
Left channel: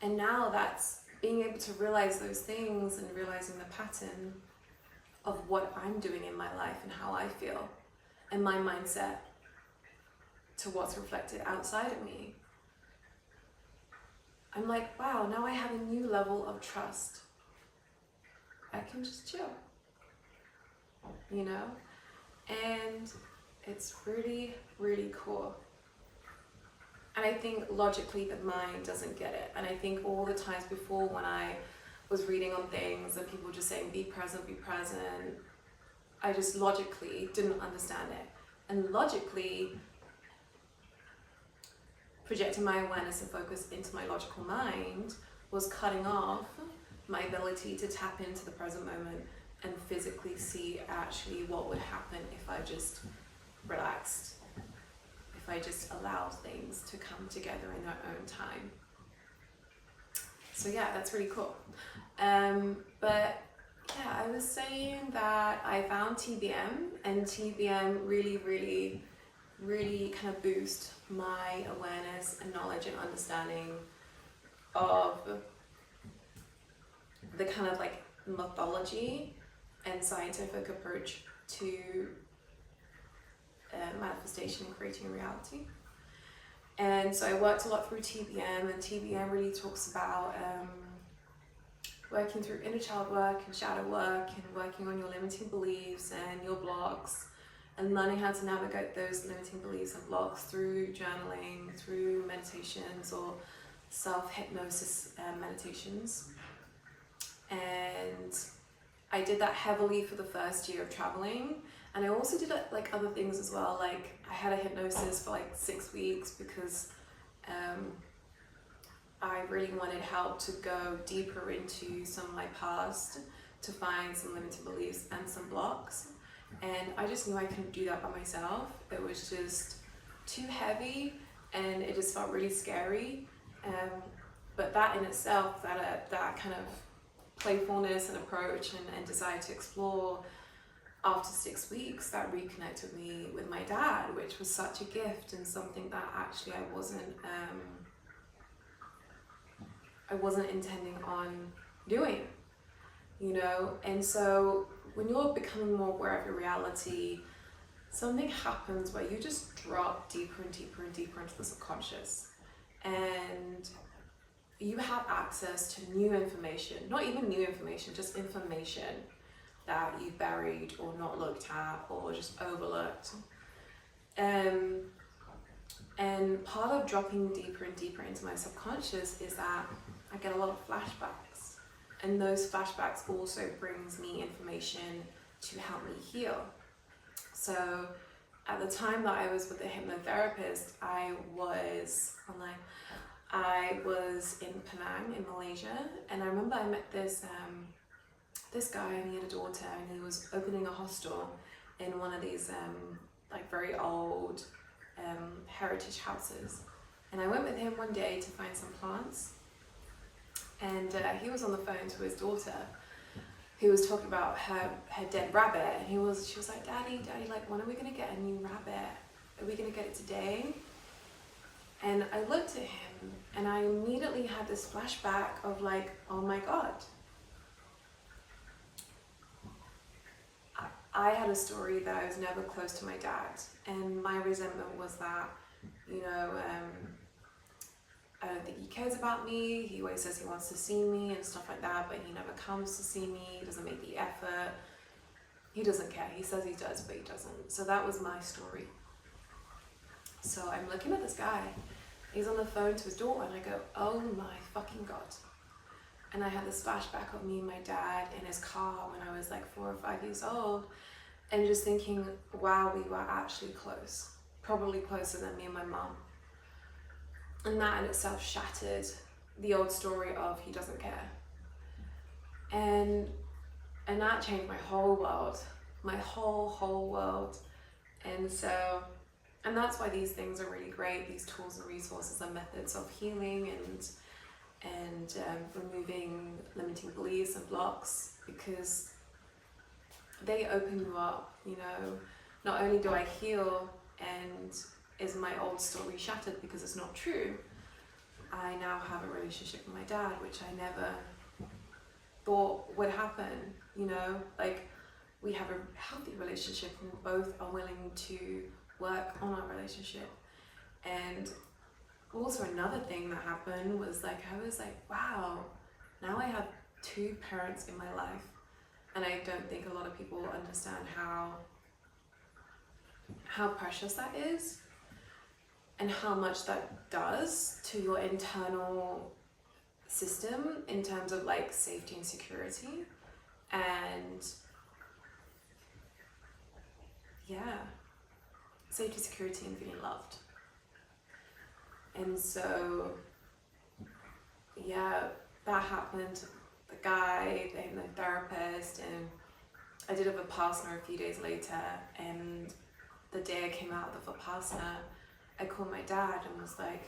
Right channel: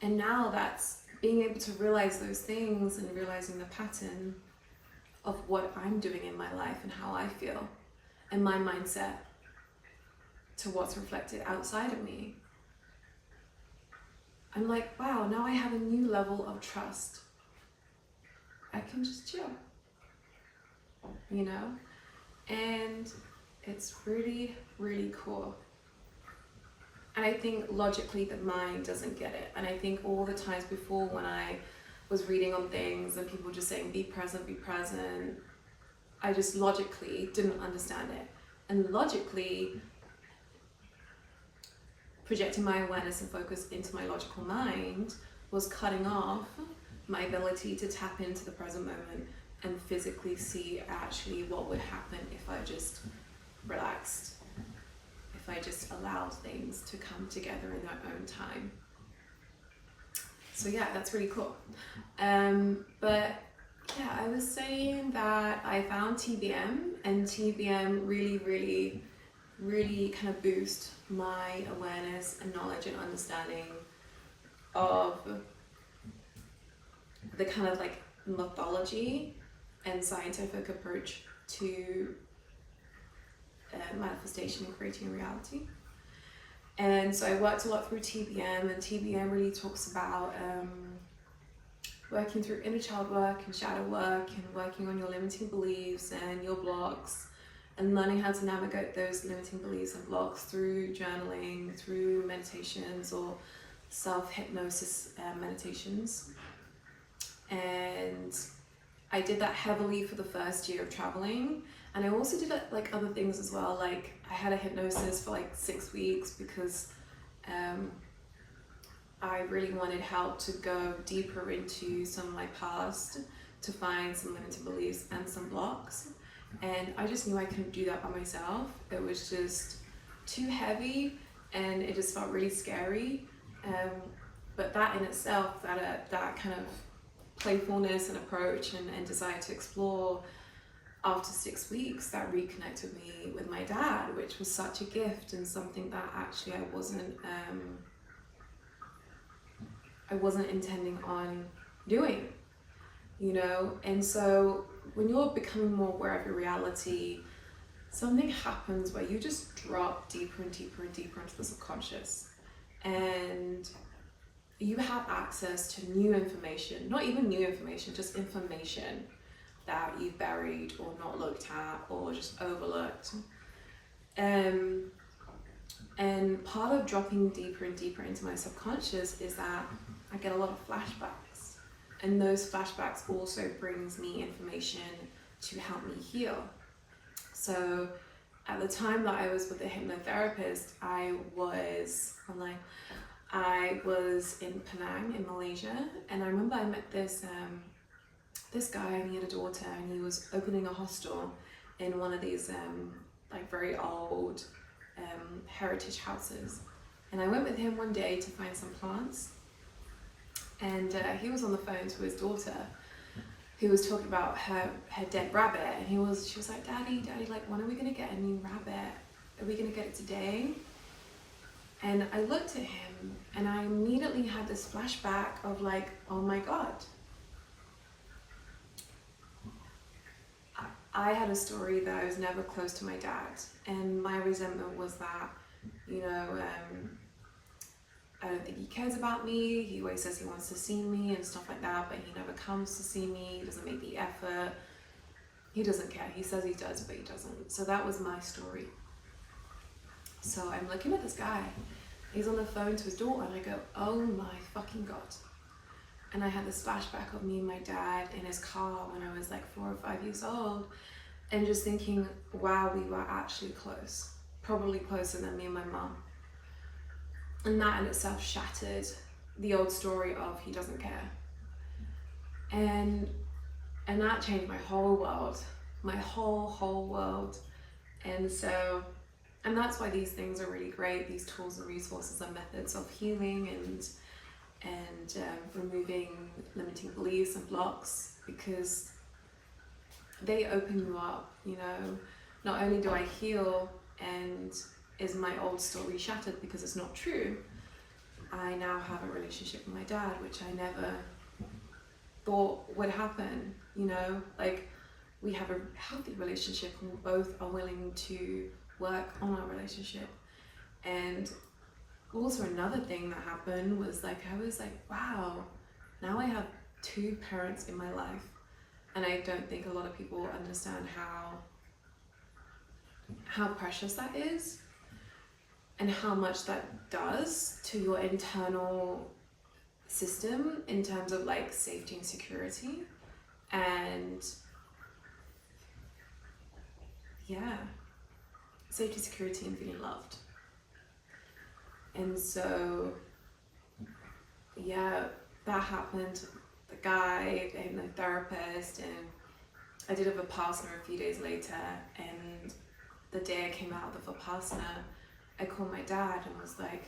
And now that's being able to realize those things and realizing the pattern of what I'm doing in my life and how I feel and my mindset to what's reflected outside of me. I'm like, wow, now I have a new level of trust. I can just chill, you know? And it's really, really cool. And I think logically the mind doesn't get it. And I think all the times before when I was reading on things and people just saying, be present, I just logically didn't understand it. And logically, projecting my awareness and focus into my logical mind was cutting off my ability to tap into the present moment and physically see actually what would happen if I just relaxed, if I just allowed things to come together in their own time. So yeah, that's really cool. But yeah, I was saying that I found TBM, and TBM really kind of boost my awareness and knowledge and understanding of the kind of like mythology and scientific approach to manifestation and creating reality. And so I worked a lot through TBM, and TBM really talks about working through inner child work and shadow work and working on your limiting beliefs and your blocks, and learning how to navigate those limiting beliefs and blocks through journaling, through meditations or self-hypnosis meditations. And I did that heavily for the first year of traveling. And I also did like other things as well. Like I had a hypnosis for like 6 weeks because I really wanted help to go deeper into some of my past, to find some limiting beliefs and some blocks. And I just knew I couldn't do that by myself. It was just too heavy and it just felt really scary. But that in itself, that kind of playfulness and approach and desire to explore after 6 weeks, that reconnected me with my dad, which was such a gift and something that actually I wasn't intending on doing, you know. And so when you're becoming more aware of your reality, something happens where you just drop deeper and deeper and deeper into the subconscious, and you have access to new information, not even new information, just information that you've buried or not looked at or just overlooked. And part of dropping deeper and deeper into my subconscious is that I get a lot of flashbacks, and those flashbacks also brings me information to help me heal. So at the time that I was with the hypnotherapist, I was in Penang in Malaysia, and I remember I met this guy, and he had a daughter, and he was opening a hostel in one of these like very old heritage houses. And I went with him one day to find some plants, and he was on the phone to his daughter, who was talking about her dead rabbit, and she was like, Daddy, like, when are we gonna get a new rabbit? Are we gonna get it today? And I looked at him, and I immediately had this flashback of like, oh my God. I had a story that I was never close to my dad, and my resentment was that, you know, I don't think he cares about me. He always says he wants to see me and stuff like that, but he never comes to see me. He doesn't make the effort. He doesn't care. He says he does, but he doesn't. So that was my story. So I'm looking at this guy. He's on the phone to his daughter, and I go, oh my fucking God. And I had this flashback of me and my dad in his car when I was like 4 or 5 years old, and just thinking, wow, we were actually close, probably closer than me and my mom. And that in itself shattered the old story of he doesn't care. And that changed my whole world, my whole world. And so, and that's why these things are really great, these tools and resources and methods of healing and removing limiting beliefs and blocks, because they open you up, you know. Not only do I heal and is my old story shattered because it's not true, I now have a relationship with my dad, which I never thought would happen, you know. Like, we have a healthy relationship and we both are willing to work on our relationship. And also another thing that happened was like, I was like, wow, now I have 2 parents in my life. And I don't think a lot of people understand how precious that is, and how much that does to your internal system in terms of like safety and security, and yeah, safety, security, and feeling loved. And so yeah, that happened. The guy, the hypnotherapist, and I did a Vipassana a few days later, and the day I came out of the Vipassana, I called my dad and was like,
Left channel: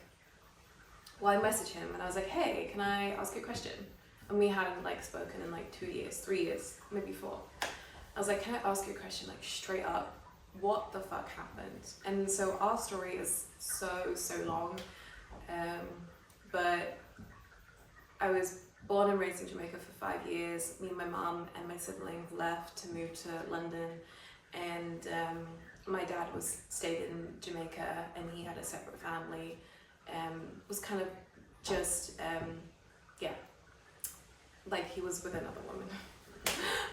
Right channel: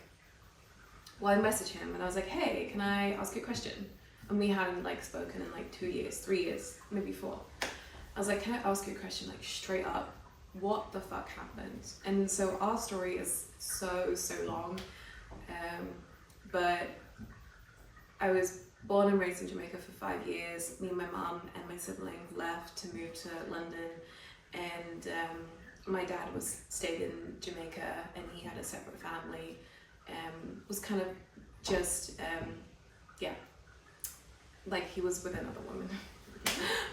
well, I messaged him and I was like, hey, can I ask you a question? And we hadn't like spoken in like 2 years, 3 years, maybe 4. I was like, can I ask you a question, like straight up, what the fuck happened? And so our story is so long, but I was born and raised in Jamaica for 5 years. Me and my mum and my siblings left to move to London, and my dad stayed in Jamaica, and he had a separate family. Was kind of just yeah, like he was with another woman.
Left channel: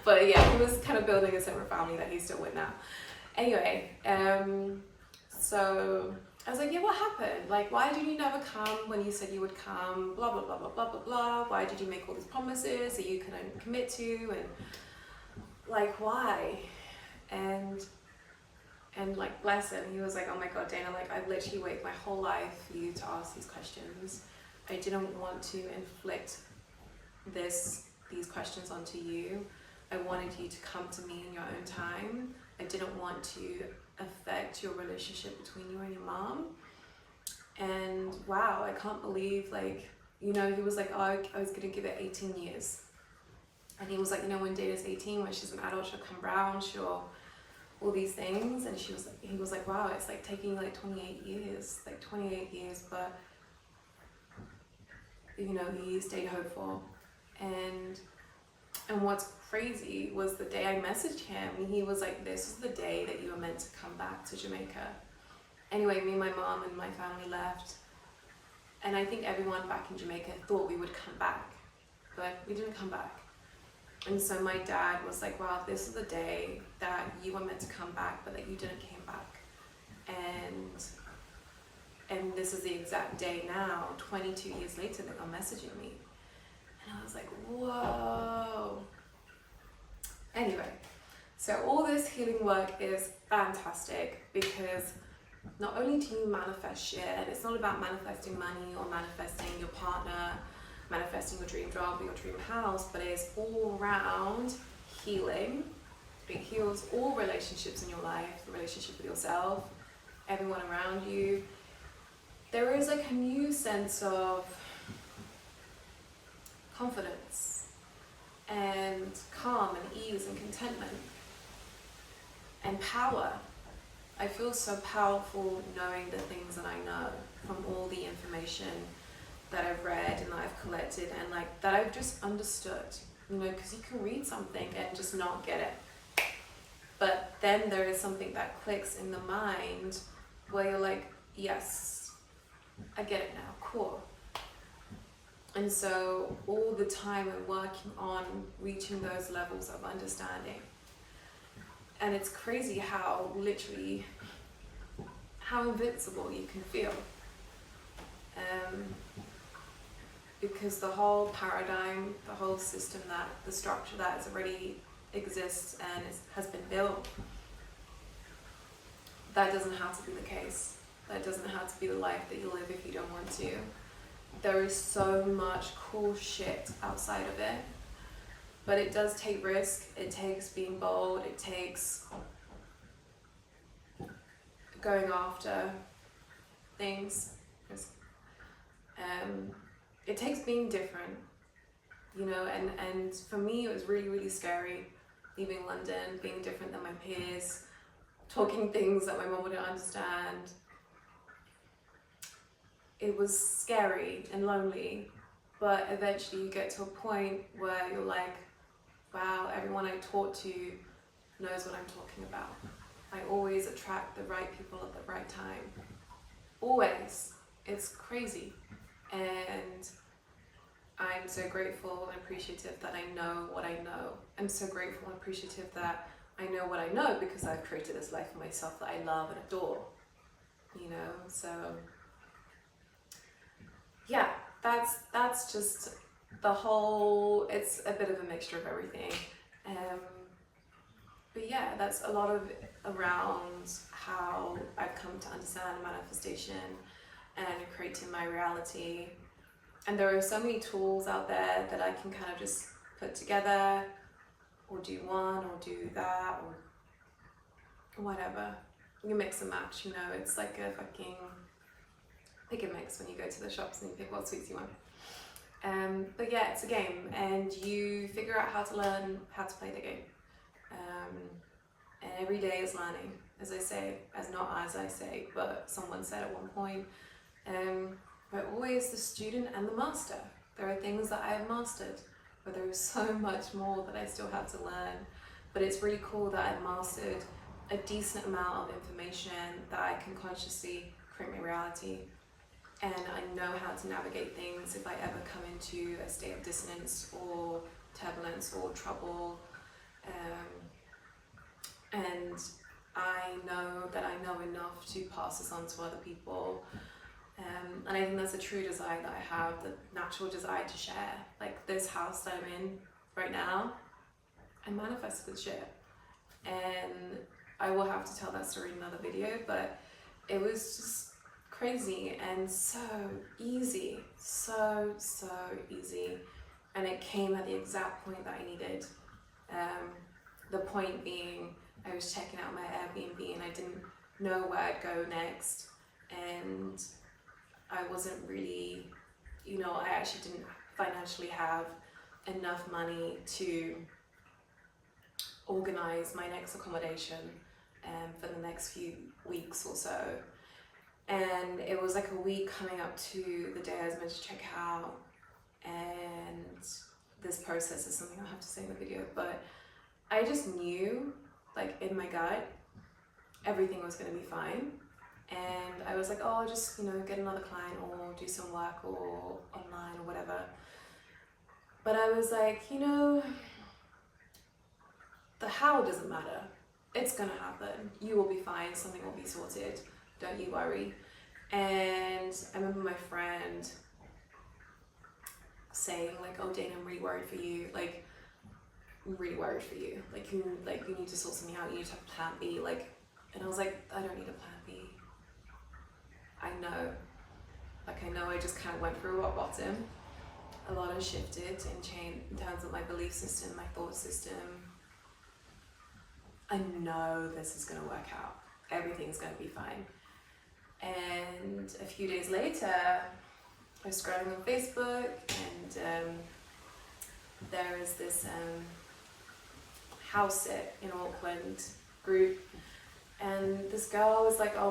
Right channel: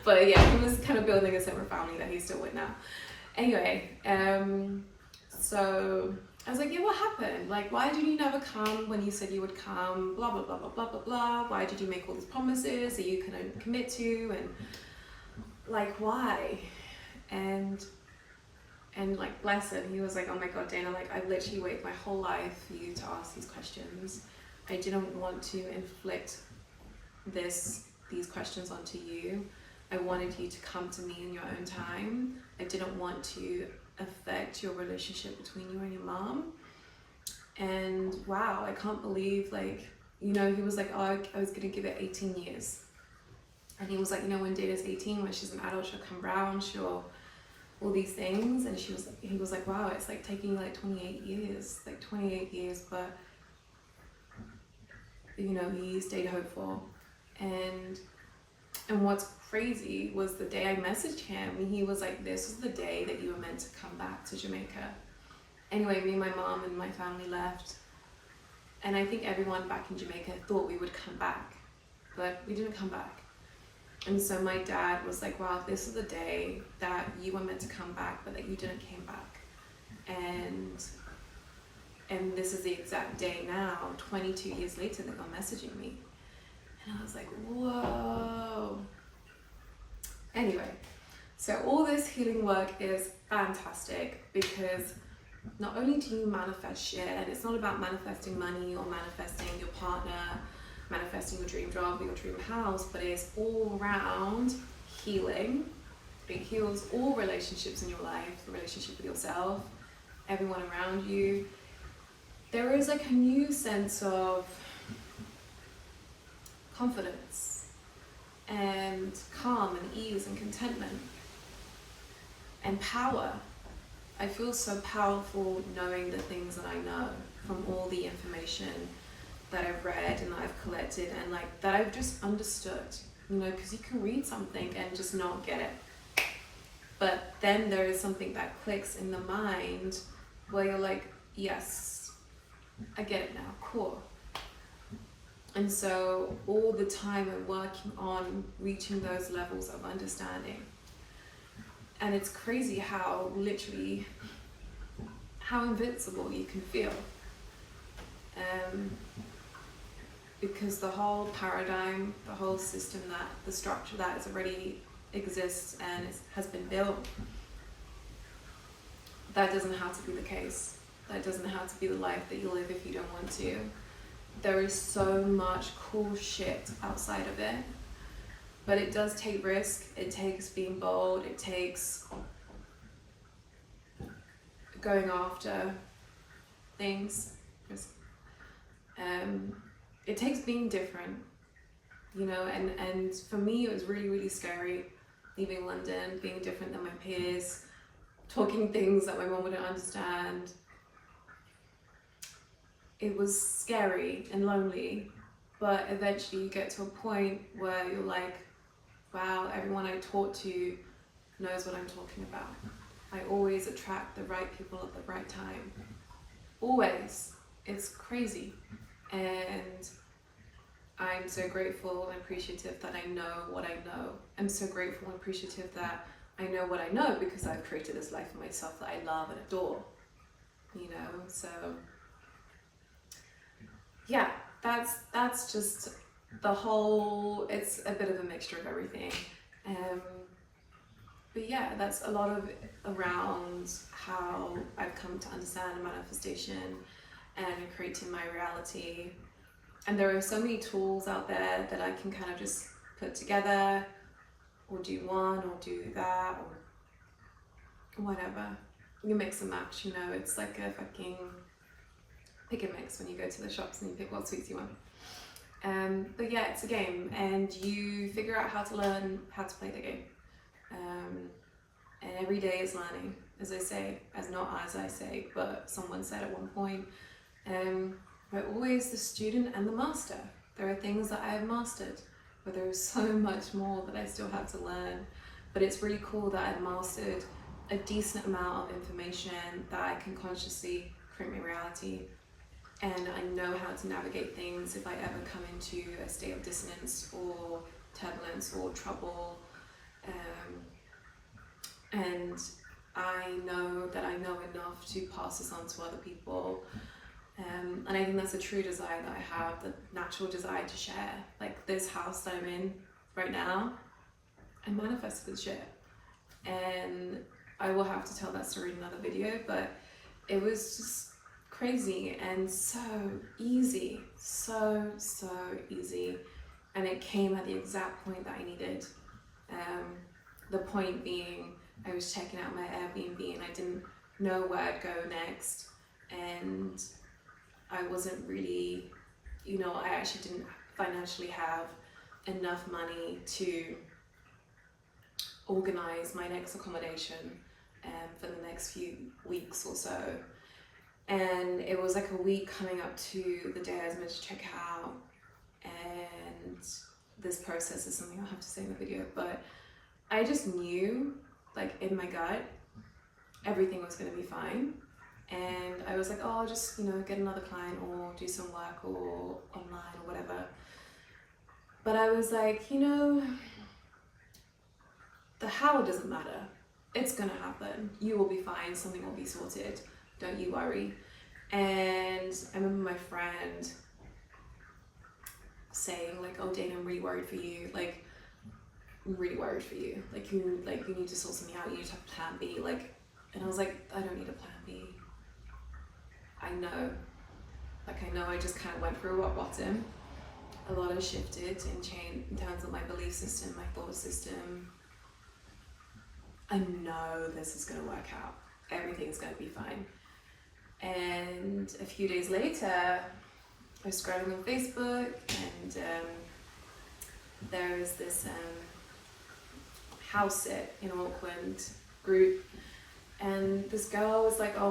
But yeah, he was kind of building a separate family that he's still with now. Anyway, so I was like, yeah, what happened? Like, why did you never come when you said you would come? Blah, blah, blah, blah, blah, blah, blah. Why did you make all these promises that you couldn't commit to? And like, why? And like, bless him, he was like, oh my God, Dana, like, I literally waited my whole life for you to ask these questions. I didn't want to inflict these questions onto you. I wanted you to come to me in your own time. I didn't want to affect your relationship between you and your mom. And wow, I can't believe, like, you know, he was like, oh, I was gonna give it 18 years. And he was like, you know, when Dana's 18, when she's an adult, she'll come round, she'll all these things. And he was like, wow, it's like taking like 28 years, but you know, he stayed hopeful. And what's crazy was the day I messaged him, he was like, this is the day that you were meant to come back to Jamaica. Anyway, me and my mom and my family left. And I think everyone back in Jamaica thought we would come back, but we didn't come back. And so my dad was like, wow, this is the day that you were meant to come back, but that you didn't came back. And this is the exact day now, 22 years later, that you're messaging me. And I was like, whoa. Anyway, so all this healing work is fantastic because not only do you manifest shit, and it's not about manifesting money or manifesting your partner, manifesting your dream job or your dream house, but it's all around healing. It heals all relationships in your life, the relationship with yourself, everyone around you. There is like a new sense of confidence and calm and ease and contentment and power. I feel so powerful knowing the things that I know from all the information that I've read and that I've collected and like that I've just understood, you know, because you can read something and just not get it. But then there is something that clicks in the mind where you're like, yes, I get it now, cool. And so all the time I'm working on reaching those levels of understanding. And it's crazy how literally, how invincible you can feel. Because the whole paradigm, the whole system, that the structure that is already exists and has been built, that doesn't have to be the case. That doesn't have to be the life that you live if you don't want to. There is so much cool shit outside of it. But it does take risk, it takes being bold, it takes going after things. It takes being different, you know, and for me it was really, really scary leaving London, being different than my peers, talking things that my mom wouldn't understand. It was scary and lonely, but eventually you get to a point where you're like, wow, everyone I talk to knows what I'm talking about. I always attract the right people at the right time. Always. It's crazy. And I'm so grateful and appreciative that I know what I know. I'm so grateful and appreciative that I know what I know because I've created this life for myself that I love and adore. You know, so yeah, that's just the whole, it's a bit of a mixture of everything. But yeah, that's a lot of around how I've come to understand manifestation and creating my reality. And there are so many tools out there that I can kind of just put together or do one or do that or whatever. You mix and match, you know, it's like a fucking pick and mix when you go to the shops and you pick what suits you want. But yeah, it's a game and you figure out how to learn how to play the game. And every day is learning, as I say, not as I say, but someone said at one point, we're always the student and the master. There are things that I have mastered, but there is so much more that I still have to learn. But it's really cool that I've mastered a decent amount of information that I can consciously create my reality. And I know how to navigate things if I ever come into a state of dissonance or turbulence or trouble. And I know that I know enough to pass this on to other people. And I think that's a true desire that I have, the natural desire to share. Like this house that I'm in right now, I manifested shit. And I will have to tell that story in another video, but it was just crazy and so easy, so easy. And it came at the exact point that I needed. The point being, I was checking out my Airbnb and I didn't know where I'd go next. And I wasn't really, you know, I actually didn't financially have enough money to organize my next accommodation for the next few weeks or so. And it was like a week coming up to the day I was meant to check out, and this process is something I'll have to say in the video, but I just knew, like in my gut, everything was going to be fine. And I was like, oh, I'll just, get another client or do some work or online or whatever. But I was like, the how doesn't matter. It's going to happen. You will be fine. Something will be sorted. Don't you worry. And I remember my friend saying like, oh, Dana, I'm really worried for you. Like, I'm really worried for you. Like, you need to sort something out. You need to have a plan B. Like, and I was like, I don't need a plan B. I know I just kind of went through rock bottom. A lot has shifted and changed in terms of my belief system, my thought system. I know this is going to work out. Everything's going to be fine. And a few days later, I was scrolling on Facebook, and there is this house sit in Auckland group, and this girl was like, oh,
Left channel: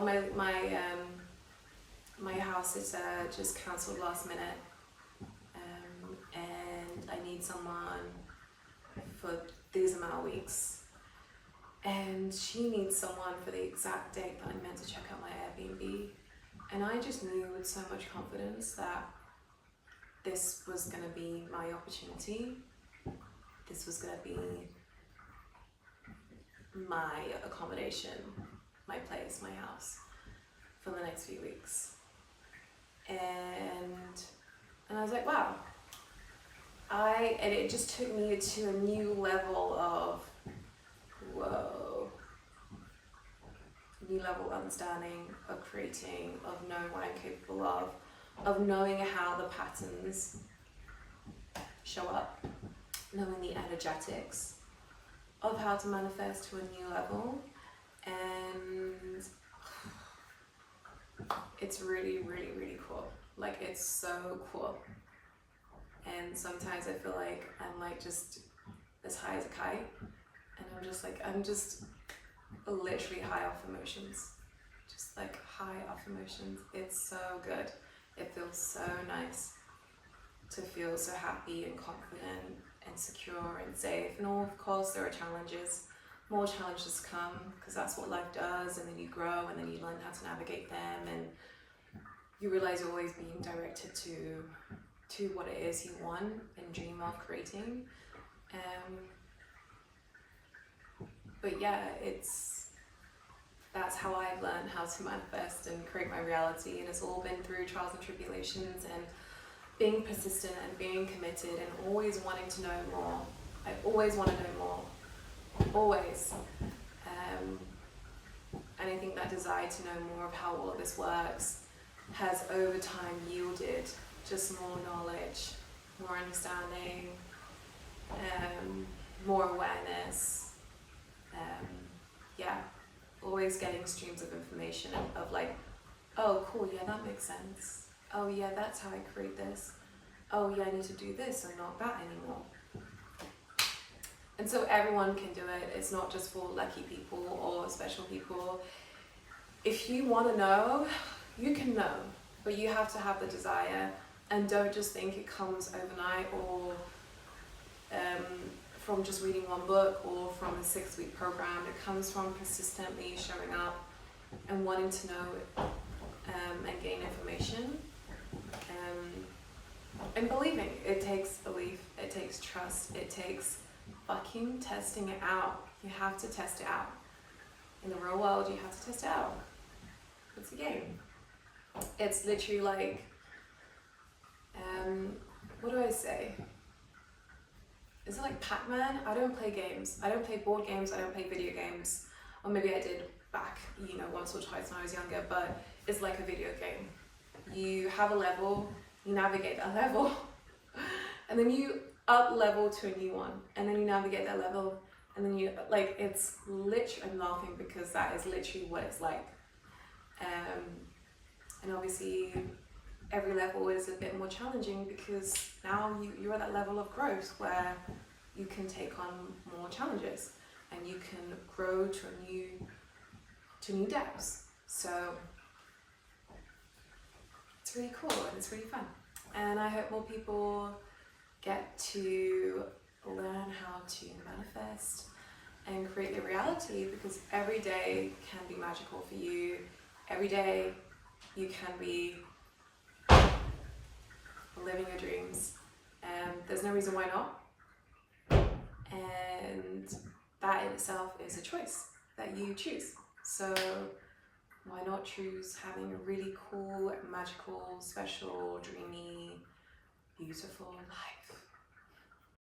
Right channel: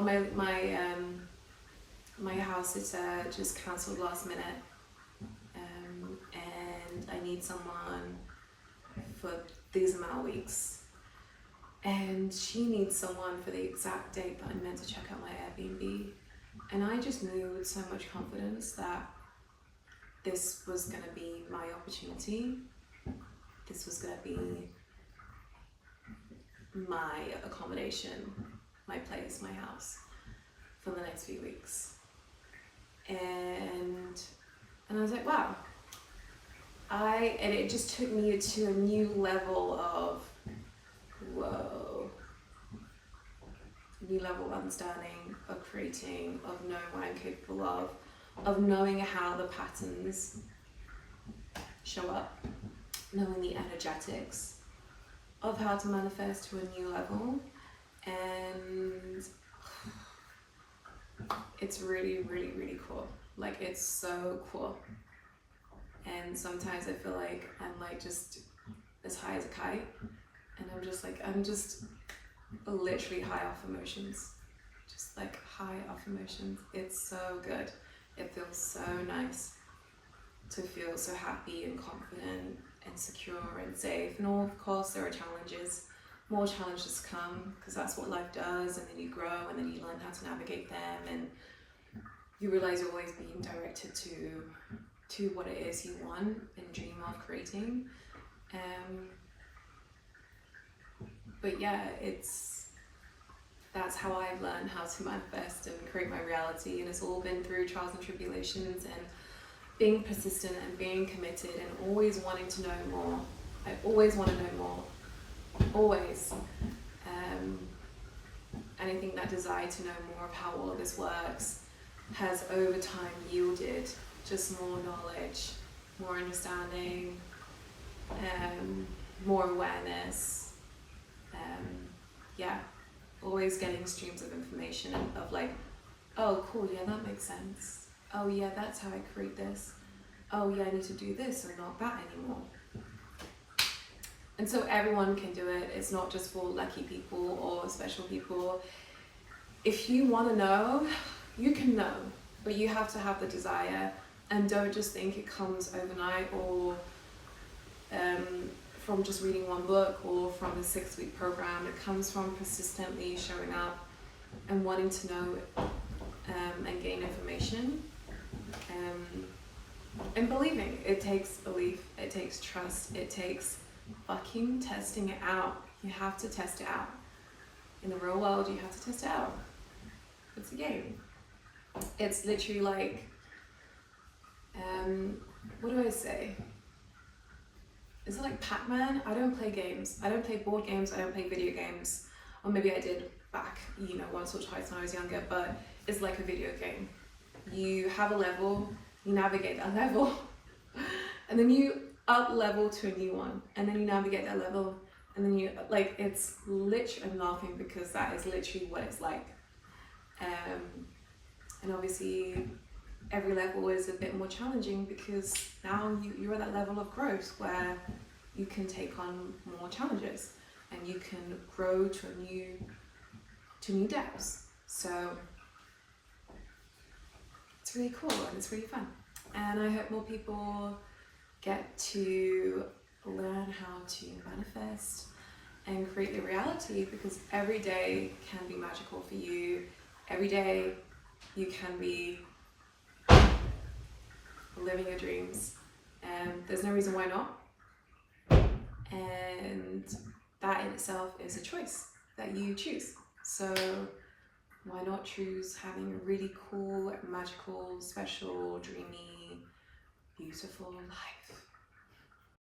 my house sitter just cancelled last minute, and I need someone for these amount of weeks, and she needs someone for the exact date that I'm meant to check out my Airbnb. And I just knew with so much confidence that this was going to be my opportunity. This was going to be my accommodation, my place, my house for the next few weeks. And I was like, wow. And it just took me to a new level of, whoa, new level of understanding, of creating, of knowing what I'm capable of knowing how the patterns show up, knowing the energetics of how to manifest to a new level. And it's really, really, really cool. Like, it's so cool. And sometimes I feel like I'm like just as high as a kite, and I'm just literally high off emotions, just like high off emotions. It's so good. It feels so nice to feel so happy and confident and secure and safe. And of course there are challenges, more challenges come, because that's what life does, and then you grow, and then you learn how to navigate them, and you realize you're always being directed to what it is you want and dream of creating. But yeah, that's how I've learned how to manifest and create my reality, and it's all been through trials and tribulations and being persistent and being committed and always wanting to know more. I always want to know more, always. And I think that desire to know more of how all of this works has over time yielded just more knowledge, more understanding, more awareness. Always getting streams of information of like, oh cool, yeah, that makes sense. Oh yeah, that's how I create this. Oh yeah, I need to do this and not that anymore. And so everyone can do it. It's not just for lucky people or special people. If you want to know, you can know, but you have to have the desire, and don't just think it comes overnight or from just reading one book or from a 6-week program. It comes from persistently showing up and wanting to know and gain information, and believing. It takes belief, it takes trust, it takes fucking testing it out. You have to test it out. In the real world, you have to test it out. It's a game. It's literally like, what do I say? Is it like Pac-Man? I don't play games. I don't play board games. I don't play video games. Or maybe I did back, once or twice when I was younger, but it's like a video game. You have a level, you navigate that level, and then you up level to a new one, and then you navigate that level, and then it's literally, I'm laughing because that is literally what it's like. And obviously every level is a bit more challenging, because now you're at that level of growth where you can take on more challenges and you can grow to new depths. So it's really cool and it's really fun. And I hope more people get to learn how to manifest and create their reality, because every day can be magical for you. Every day you can be living your dreams, and there's no reason why not. And that in itself is a choice that you choose. So why not choose having a really cool, magical, special, dreamy, beautiful life?